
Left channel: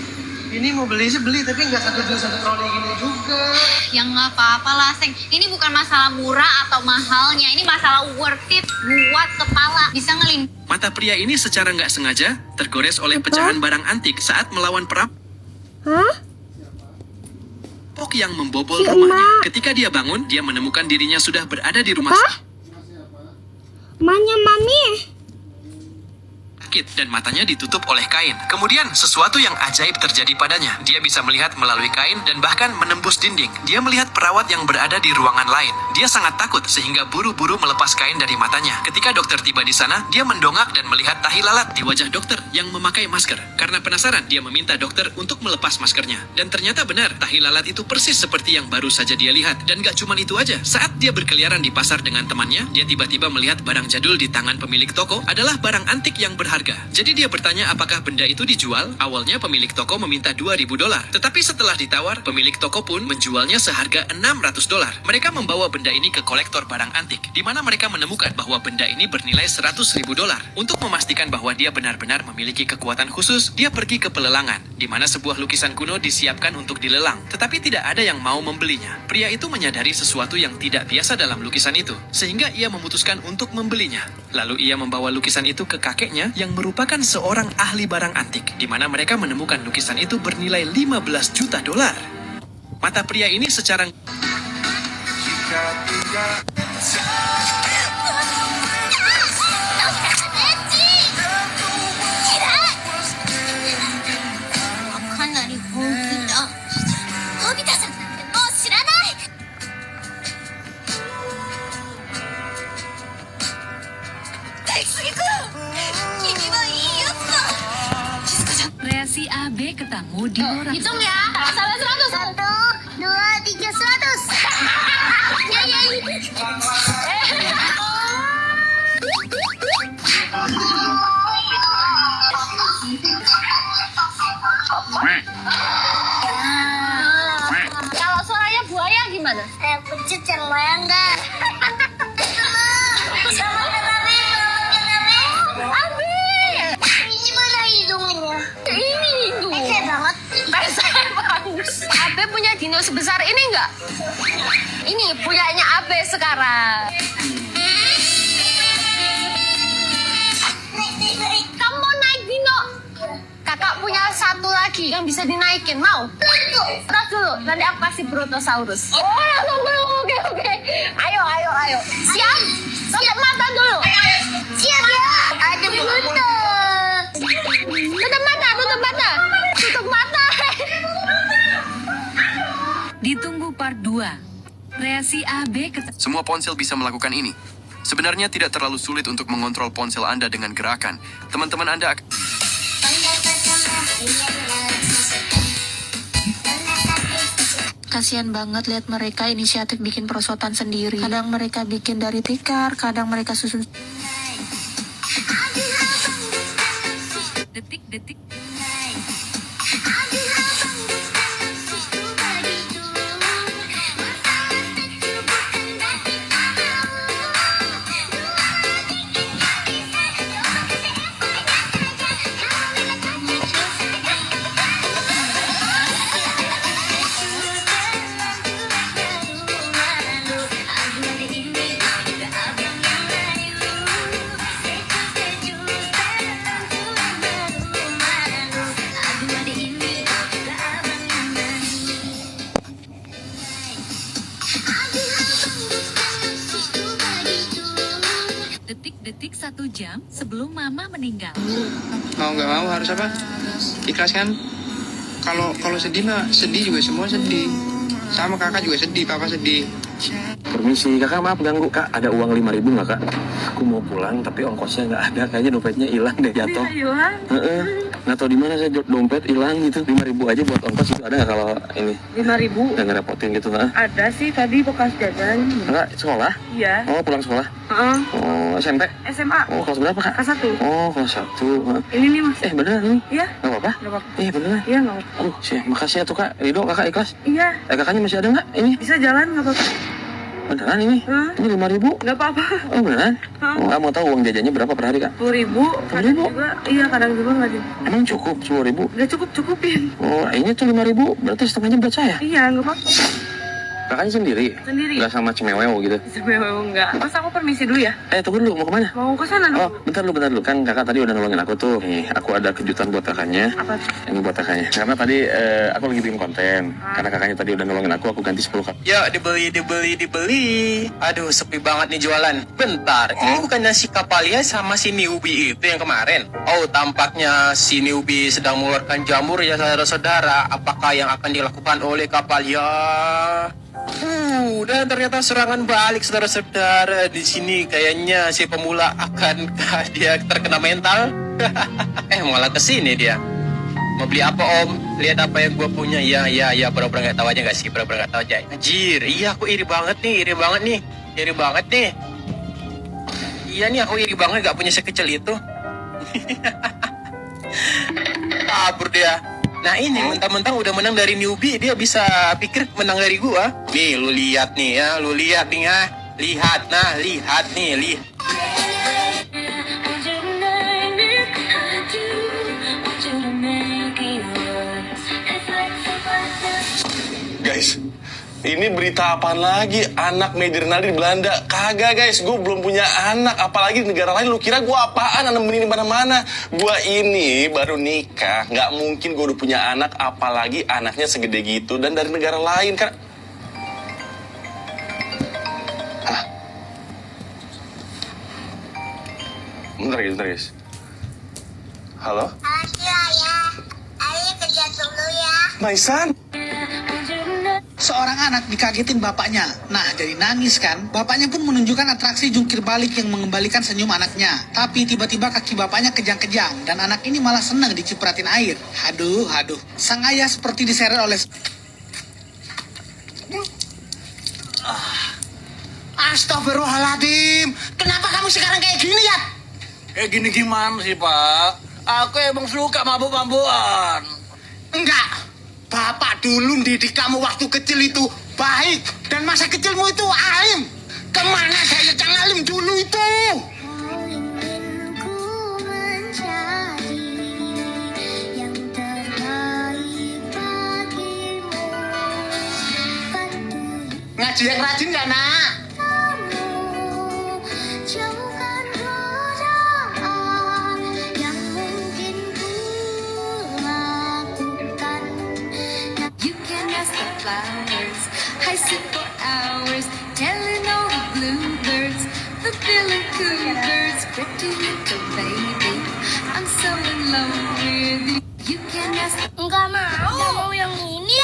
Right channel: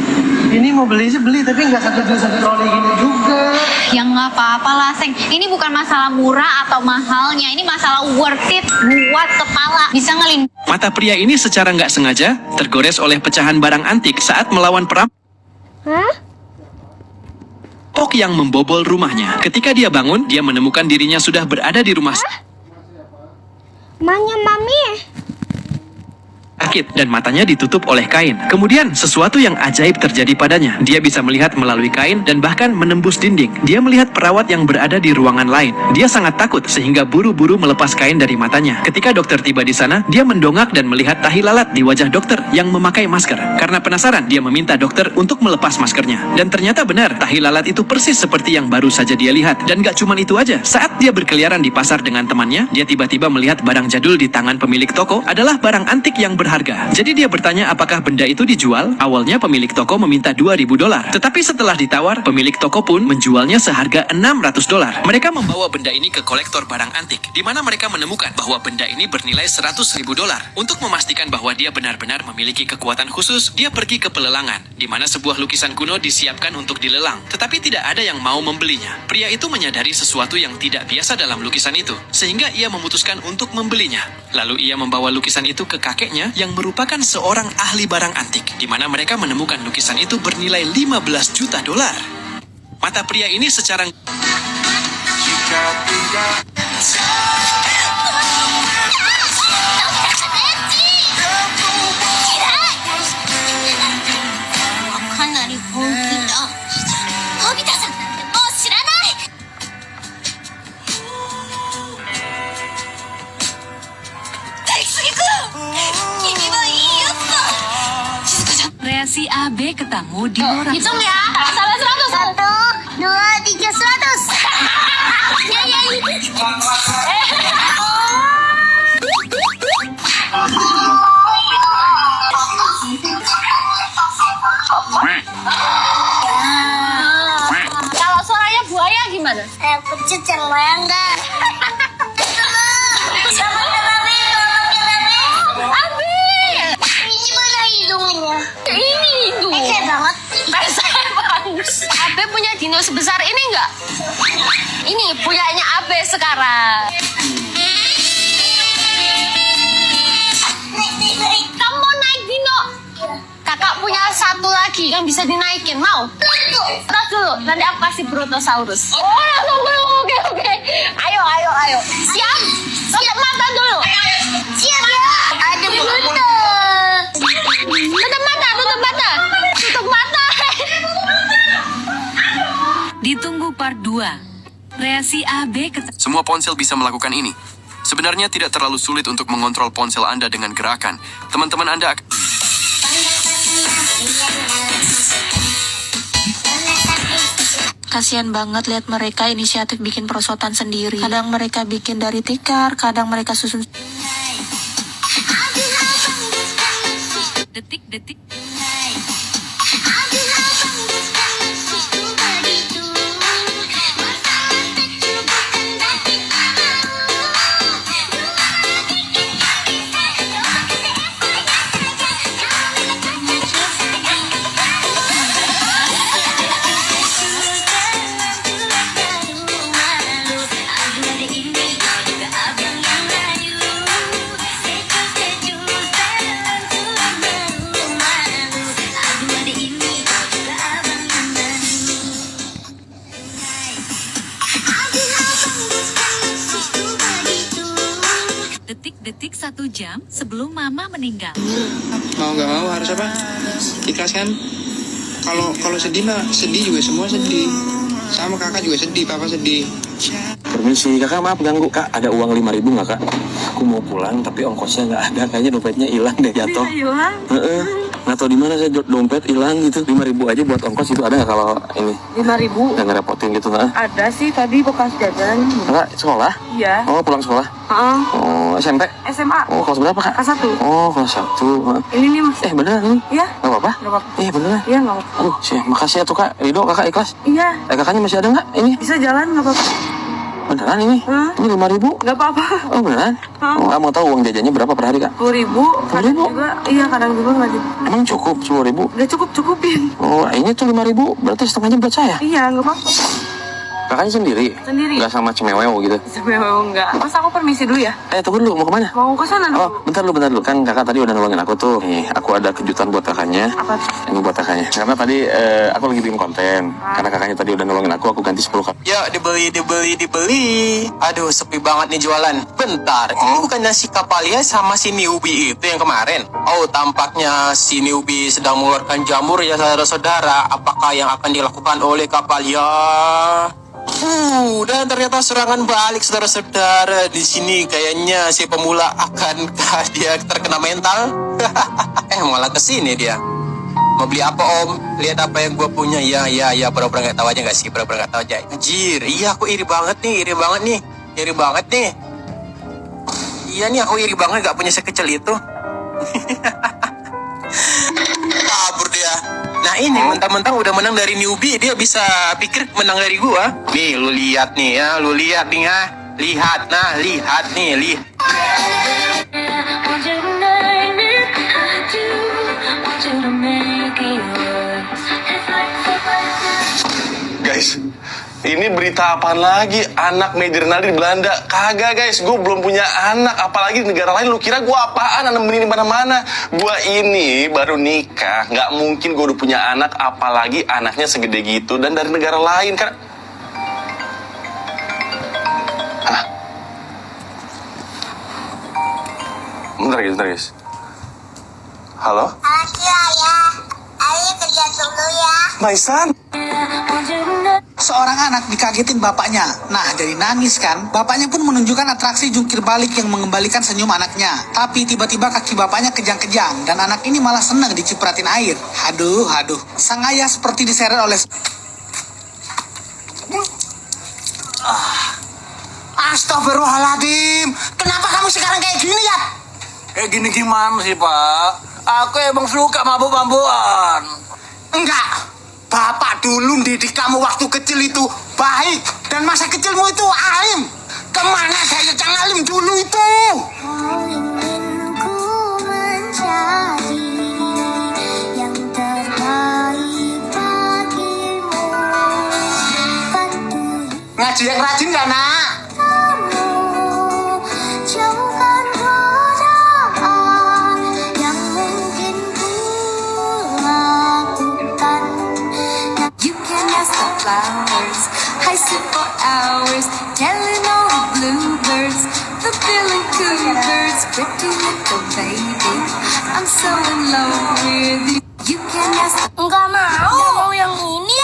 ini mau beli sih beli, tapi nggak satu troli gini juga. Ya nggak apa-apa lah, Seng. Ini bukan masalah murah atau mahalnya. Ini masalah worth it buat kepala. Bisa ngelindungi. Mata pria ini secara nggak sengaja tergores oleh pecahan barang antik saat melawan perampok yang membobol rumahnya. Ketika dia bangun, dia menemukan dirinya sudah berada di rumah Manya mami. sakit dan matanya ditutup oleh kain. Kemudian sesuatu yang ajaib terjadi padanya. Dia bisa melihat melalui kain dan bahkan menembus dinding. Dia melihat perawat yang berada di ruangan lain. Dia sangat takut sehingga buru-buru melepas kain dari matanya. Ketika dokter tiba di sana, dia mendongak dan melihat tahi lalat di wajah dokter yang memakai masker. Karena penasaran, dia meminta dokter untuk melepas maskernya. Dan ternyata benar, tahi lalat itu persis seperti yang baru saja dia lihat. Dan gak cuma itu aja, saat dia berkeliaran di pasar dengan temannya, dia tiba-tiba melihat barang jadul di tangan pemilik toko adalah barang antik yang berharga harga. Jadi dia bertanya apakah benda itu dijual. Awalnya pemilik toko meminta $2.000. Tetapi setelah ditawar, pemilik toko pun menjualnya seharga $600. Mereka membawa benda ini ke kolektor barang antik, di mana mereka menemukan bahwa benda ini bernilai $100.000. Untuk memastikan bahwa dia benar-benar memiliki kekuatan khusus, dia pergi ke pelelangan, di mana sebuah lukisan kuno disiapkan untuk dilelang. Tetapi tidak ada yang mau membelinya. Pria itu menyadari sesuatu yang tidak biasa dalam lukisan itu, sehingga ia memutuskan untuk membelinya. Lalu ia membawa lukisan itu ke kakeknya yang merupakan seorang ahli barang antik, di mana mereka menemukan lukisan itu bernilai $15 juta. Mata pria ini secara Reaksi AB ketemu di luar. Hitung ya, sampai 100. 1, 2, 3, 100. Ya, ya, Kalau suaranya buaya gimana? Pencet yang enggak. Ini mana hidungnya? Ini hidung. Pesek banget. Pesek banget. Abe punya dino sebesar ini enggak? Ini punyanya Abe sekarang. Kamu mau naik dino? Kakak punya satu lagi yang bisa dinaikin, mau? Terus dulu, nanti aku kasih Brontosaurus. Oh, langsung belum, oke. Ayo. Siap? Tutup mata dulu. Siap ya. Ada Bruto. Tutup mata. Ditunggu part 2. Reaksi AB ketemu. semua ponsel bisa melakukan ini. Sebenarnya tidak terlalu sulit untuk mengontrol ponsel Anda dengan gerakan. Teman-teman Anda akan... Kasian banget lihat mereka inisiatif bikin perosotan sendiri. Kadang mereka bikin dari tikar, kadang mereka susun. Detik-detik. Detik-detik 1 jam sebelum mama meninggal. Mau nggak mau harus apa? Ikhlas kan? Kalau sedih mah sedih juga, semua sedih. Sama kakak juga sedih, papa sedih. Permisi, kakak maaf ganggu kak. Ada uang 5.000 nggak kak? Aku mau pulang tapi ongkosnya nggak ada. Kayaknya dompetnya hilang deh, jatuh. Hilang? Nggak tahu di mana saya dompet hilang gitu. 5.000 aja buat ongkos itu ada nggak kalau ini? 5.000? Nggak ngerepotin gitu nggak? Ada sih tadi bekas jajan. Kakak sekolah? Iya. Oh pulang sekolah? Oh SMP? SMA. Oh kelas berapa kak? Kelas 1. Oh kelas 1. Ini nih mas. Beneran ini? Iya. Nggak apa-apa? Nggak apa-apa. Beneran? Iya nggak apa-apa. Aduh sih makasih ya tuh kak. Ridho kakak ikhlas? Iya. Kakaknya masih ada nggak ini? Bisa jalan nggak apa-apa. Beneran ini? Ini 5.000? Nggak apa-apa. Oh beneran? Oh nggak mau tahu uang jajannya berapa per hari kak? 10.000. Kadang juga, iya kadang juga nggak jadi. Emang cukup 10.000? Nggak cukupin. Oh ini tuh 5.000 berarti setengahnya buat saya? Iya nggak apa-apa. Kakaknya sendiri? Sendiri. Nggak sama cemewew gitu? Sebenarnya enggak. Mas aku permisi dulu ya. Tunggu dulu, mau kemana? Mau ke sana dulu. Oh, bentar dulu. Kan kakak tadi udah nolongin aku tuh. Nih, aku ada kejutan buat kakaknya. Apa? Ini buat kakaknya. Karena tadi aku lagi bikin konten. Karena kakaknya tadi udah nolongin aku ganti 10 kak. Ya, dibeli. Aduh, sepi banget nih jualan. Bentar, ini bukannya si Kapalia sama si newbie itu yang kemarin? Oh, tampaknya si newbie sedang mengeluarkan jamur ya saudara-saudara. Apakah yang akan dilakukan oleh Kapalia? Dan ternyata serangan balik saudara-saudara. Di sini kayaknya si pemula akankah dia terkena mental? Malah kesini dia. Mau beli apa om? Lihat apa yang gue punya. Ya, pura-pura nggak tahu aja nggak sih? Pura-pura nggak tahu aja. Anjir, iya aku iri banget nih. Iya nih, aku iri banget nggak punya sekecil itu. Kabur dia. Nah ini mentang-mentang udah menang dari newbie, dia bisa pikir menang dari gua. Nih lu lihat nih ya, lu lihat nih ya. Lihat nih. Guys, ini berita apaan lagi? Anak Major Naldi di Belanda. Kagak guys, gue belum punya anak. Apalagi di negara lain. Lu kira gue apaan? Anak benih di mana-mana. Gue ini baru nikah. Nggak mungkin gue udah punya anak. Apalagi anaknya segede gitu. Dan dari negara lain kan. Hah? Bentar guys. Halo? Ayah kerja dulu ya. My son. Seorang anak dikagetin bapaknya. Nah, jadi nangis kan? Bapaknya pun menunjukkan atraksi jungkir balik yang mengembalikan senyum anaknya. Tapi tiba-tiba kaki bapaknya kejang-kejang dan anak ini malah senang dicipratin air. Aduh. Sang ayah seperti diseret oleh... Astagfirullahaladzim. Kenapa kamu sekarang kayak gini ya? Kayak gini gimana sih, Pak? Aku emang suka mabuk-mabukan. Enggak. Bapak dulu didik kamu waktu kecil itu baik. Dan masa kecilmu itu alim. Kemana gaya yang alim dulu itu? Ngaji yang rajin ya, nak? Flowers, I sit for hours, telling all the bluebirds, the feeling cool birds, pretty little baby, I'm so in love with you. You can ask. Enggak mau yang ini.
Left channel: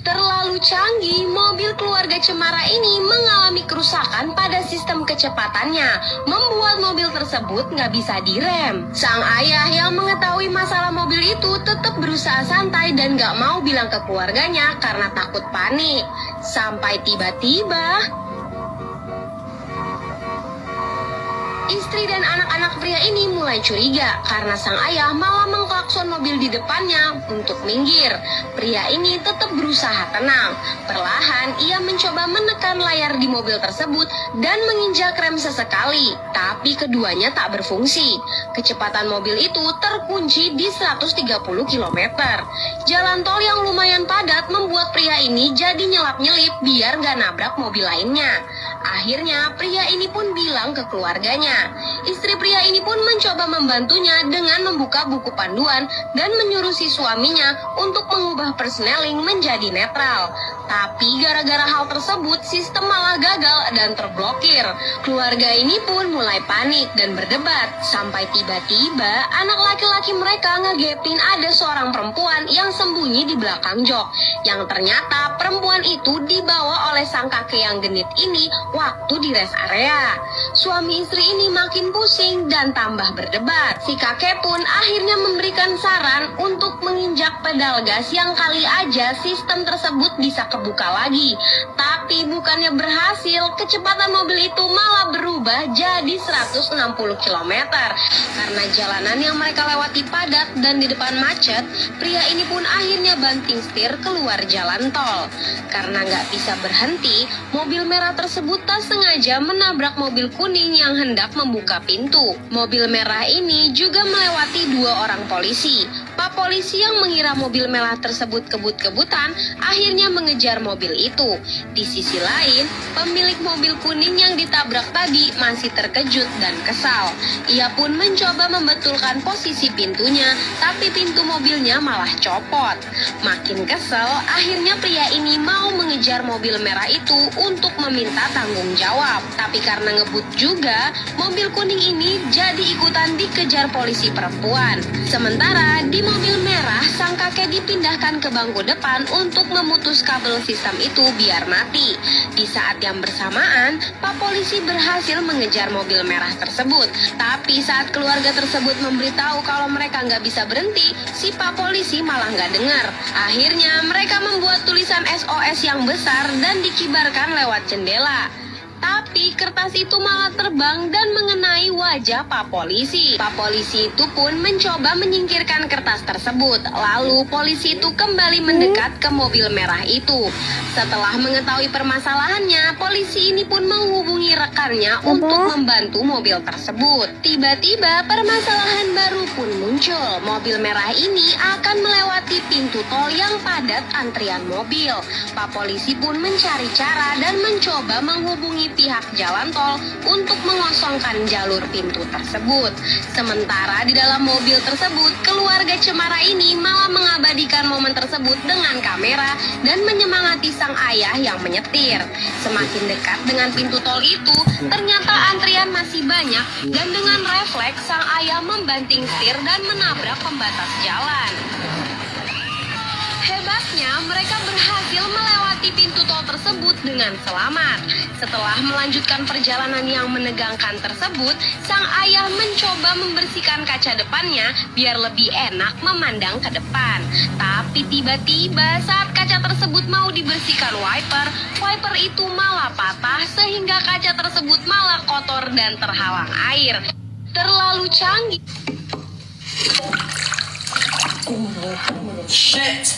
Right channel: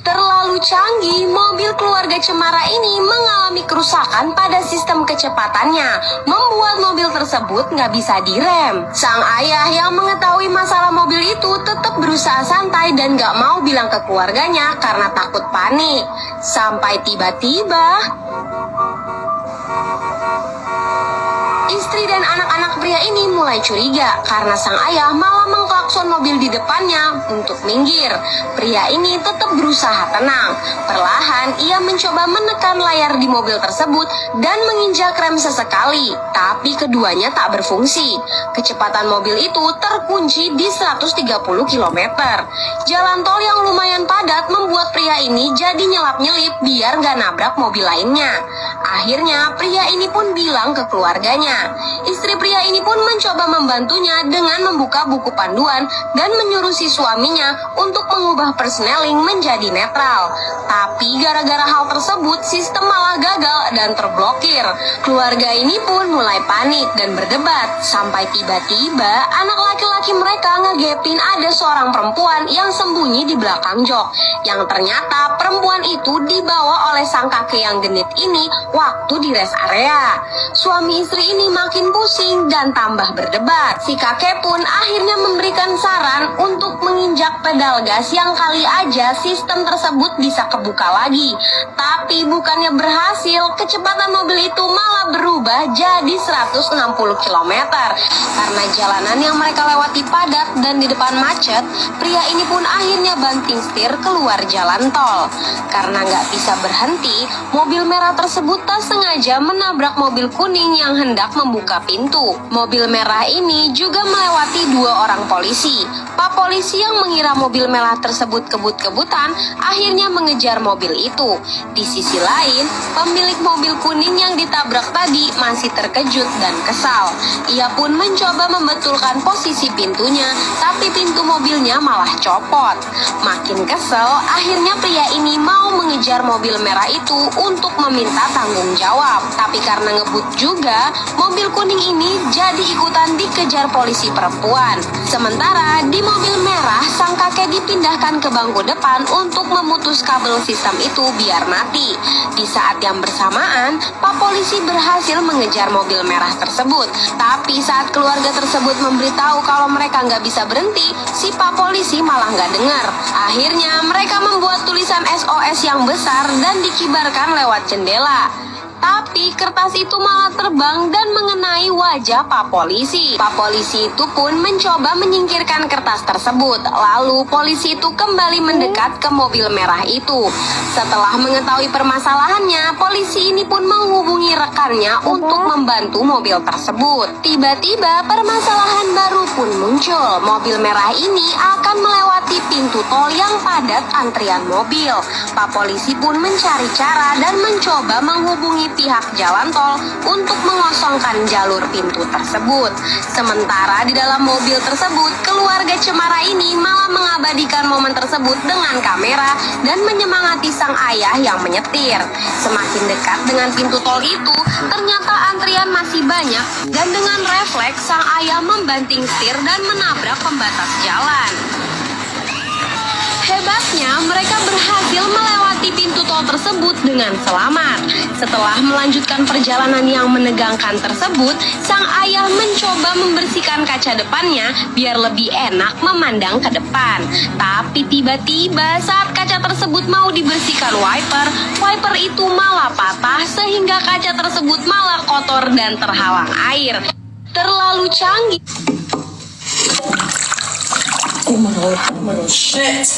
Terlalu canggih, mobil keluarga Cemara ini mengalami kerusakan pada sistem kecepatannya, membuat mobil tersebut nggak bisa direm. Sang ayah yang mengetahui masalah mobil itu tetap berusaha santai dan nggak mau bilang ke keluarganya karena takut panik. Sampai tiba-tiba istri dan anak-anak pria ini mulai curiga karena sang ayah malah mengklakson mobil di depannya untuk minggir. Pria ini tetap berusaha tenang. Perlahan ia mencoba menekan layar di mobil tersebut dan menginjak rem sesekali, tapi keduanya tak berfungsi. Kecepatan mobil itu terkunci di 130 km. Jalan tol yang lumayan padat membuat pria ini jadi nyelap-nyelip biar gak nabrak mobil lainnya. Akhirnya pria ini pun bilang ke keluarganya. Istri pria ini pun mencoba membantunya dengan membuka buku panduan dan menyuruh si suaminya untuk mengubah persneling menjadi netral. Tapi gara-gara hal tersebut sistem malah gagal dan terblokir. Keluarga ini pun mulai panik dan berdebat. Sampai tiba-tiba anak laki-laki mereka ngegepin ada seorang perempuan yang sembunyi di belakang jok. Yang ternyata perempuan itu dibawa oleh sang kakek yang genit ini waktu di rest area. Suami istri ini makin pusing dan tambah berdebat. Si kakek pun akhirnya memberikan saran untuk menginjak pedal gas yang kali aja sistem tersebut bisa kebuka lagi. Tapi bukannya berhasil, kecepatan mobil itu malah berubah jadi 160 km. Karena jalanan yang mereka lewati padat dan di depan macet, pria ini pun akhirnya banting setir keluar jalan tol. Karena nggak bisa berhenti, mobil merah tersebut tak sengaja menabrak mobil kuning yang hendak membuka pintu. Mobil merah ini juga melewati 2 orang polisi. Pak polisi yang mengira mobil merah tersebut kebut-kebutan akhirnya mengejar mobil itu. Di sisi lain, pemilik mobil kuning yang ditabrak tadi masih terkejut dan kesal. Ia pun mencoba membetulkan posisi pintunya, tapi pintu mobilnya malah copot. Makin kesel, akhirnya pria ini mau mengejar mobil merah itu untuk meminta tanggung jawab. Tapi karena ngebut juga, mobil kuning ini jadi ikutan dikejar polisi perempuan. Sementara di mobil merah, sang kakek dipindahkan ke bangku depan untuk memutus kabel sistem itu biar mati. Di saat yang bersamaan, Pak polisi berhasil mengejar mobil merah tersebut. Tapi saat keluarga tersebut memberitahu kalau mereka nggak bisa berhenti, si Pak polisi malah nggak dengar. Akhirnya mereka membuat tulisan SOS yang besar dan dikibarkan lewat jendela. Tapi kertas itu malah terbang dan mengenai wajah Pak Polisi. Pak Polisi itu pun mencoba menyingkirkan kertas tersebut. Lalu polisi itu kembali mendekat ke mobil merah itu. Setelah mengetahui permasalahannya, polisi ini pun menghubungi rekannya untuk membantu mobil tersebut. Tiba-tiba permasalahan baru pun muncul. Mobil merah ini akan melewati pintu tol yang padat antrian mobil. Pak Polisi pun mencari cara dan mencoba menghubungi pihak jalan tol untuk mengosongkan jalur pintu tersebut. Sementara di dalam mobil tersebut, keluarga Cemara ini malah mengabadikan momen tersebut dengan kamera dan menyemangati sang ayah yang menyetir. Semakin dekat dengan pintu tol itu, ternyata antrian masih banyak dan dengan refleks sang ayah membanting setir dan menabrak pembatas jalan. Hebatnya, mereka berhasil melewati pintu tol tersebut dengan selamat. Setelah melanjutkan perjalanan yang menegangkan tersebut, sang ayah mencoba membersihkan kaca depannya biar lebih enak memandang ke depan. Tapi tiba-tiba saat kaca tersebut mau dibersihkan wiper itu malah patah sehingga kaca tersebut malah kotor dan terhalang air. Terlalu canggih. Oh my god, shit.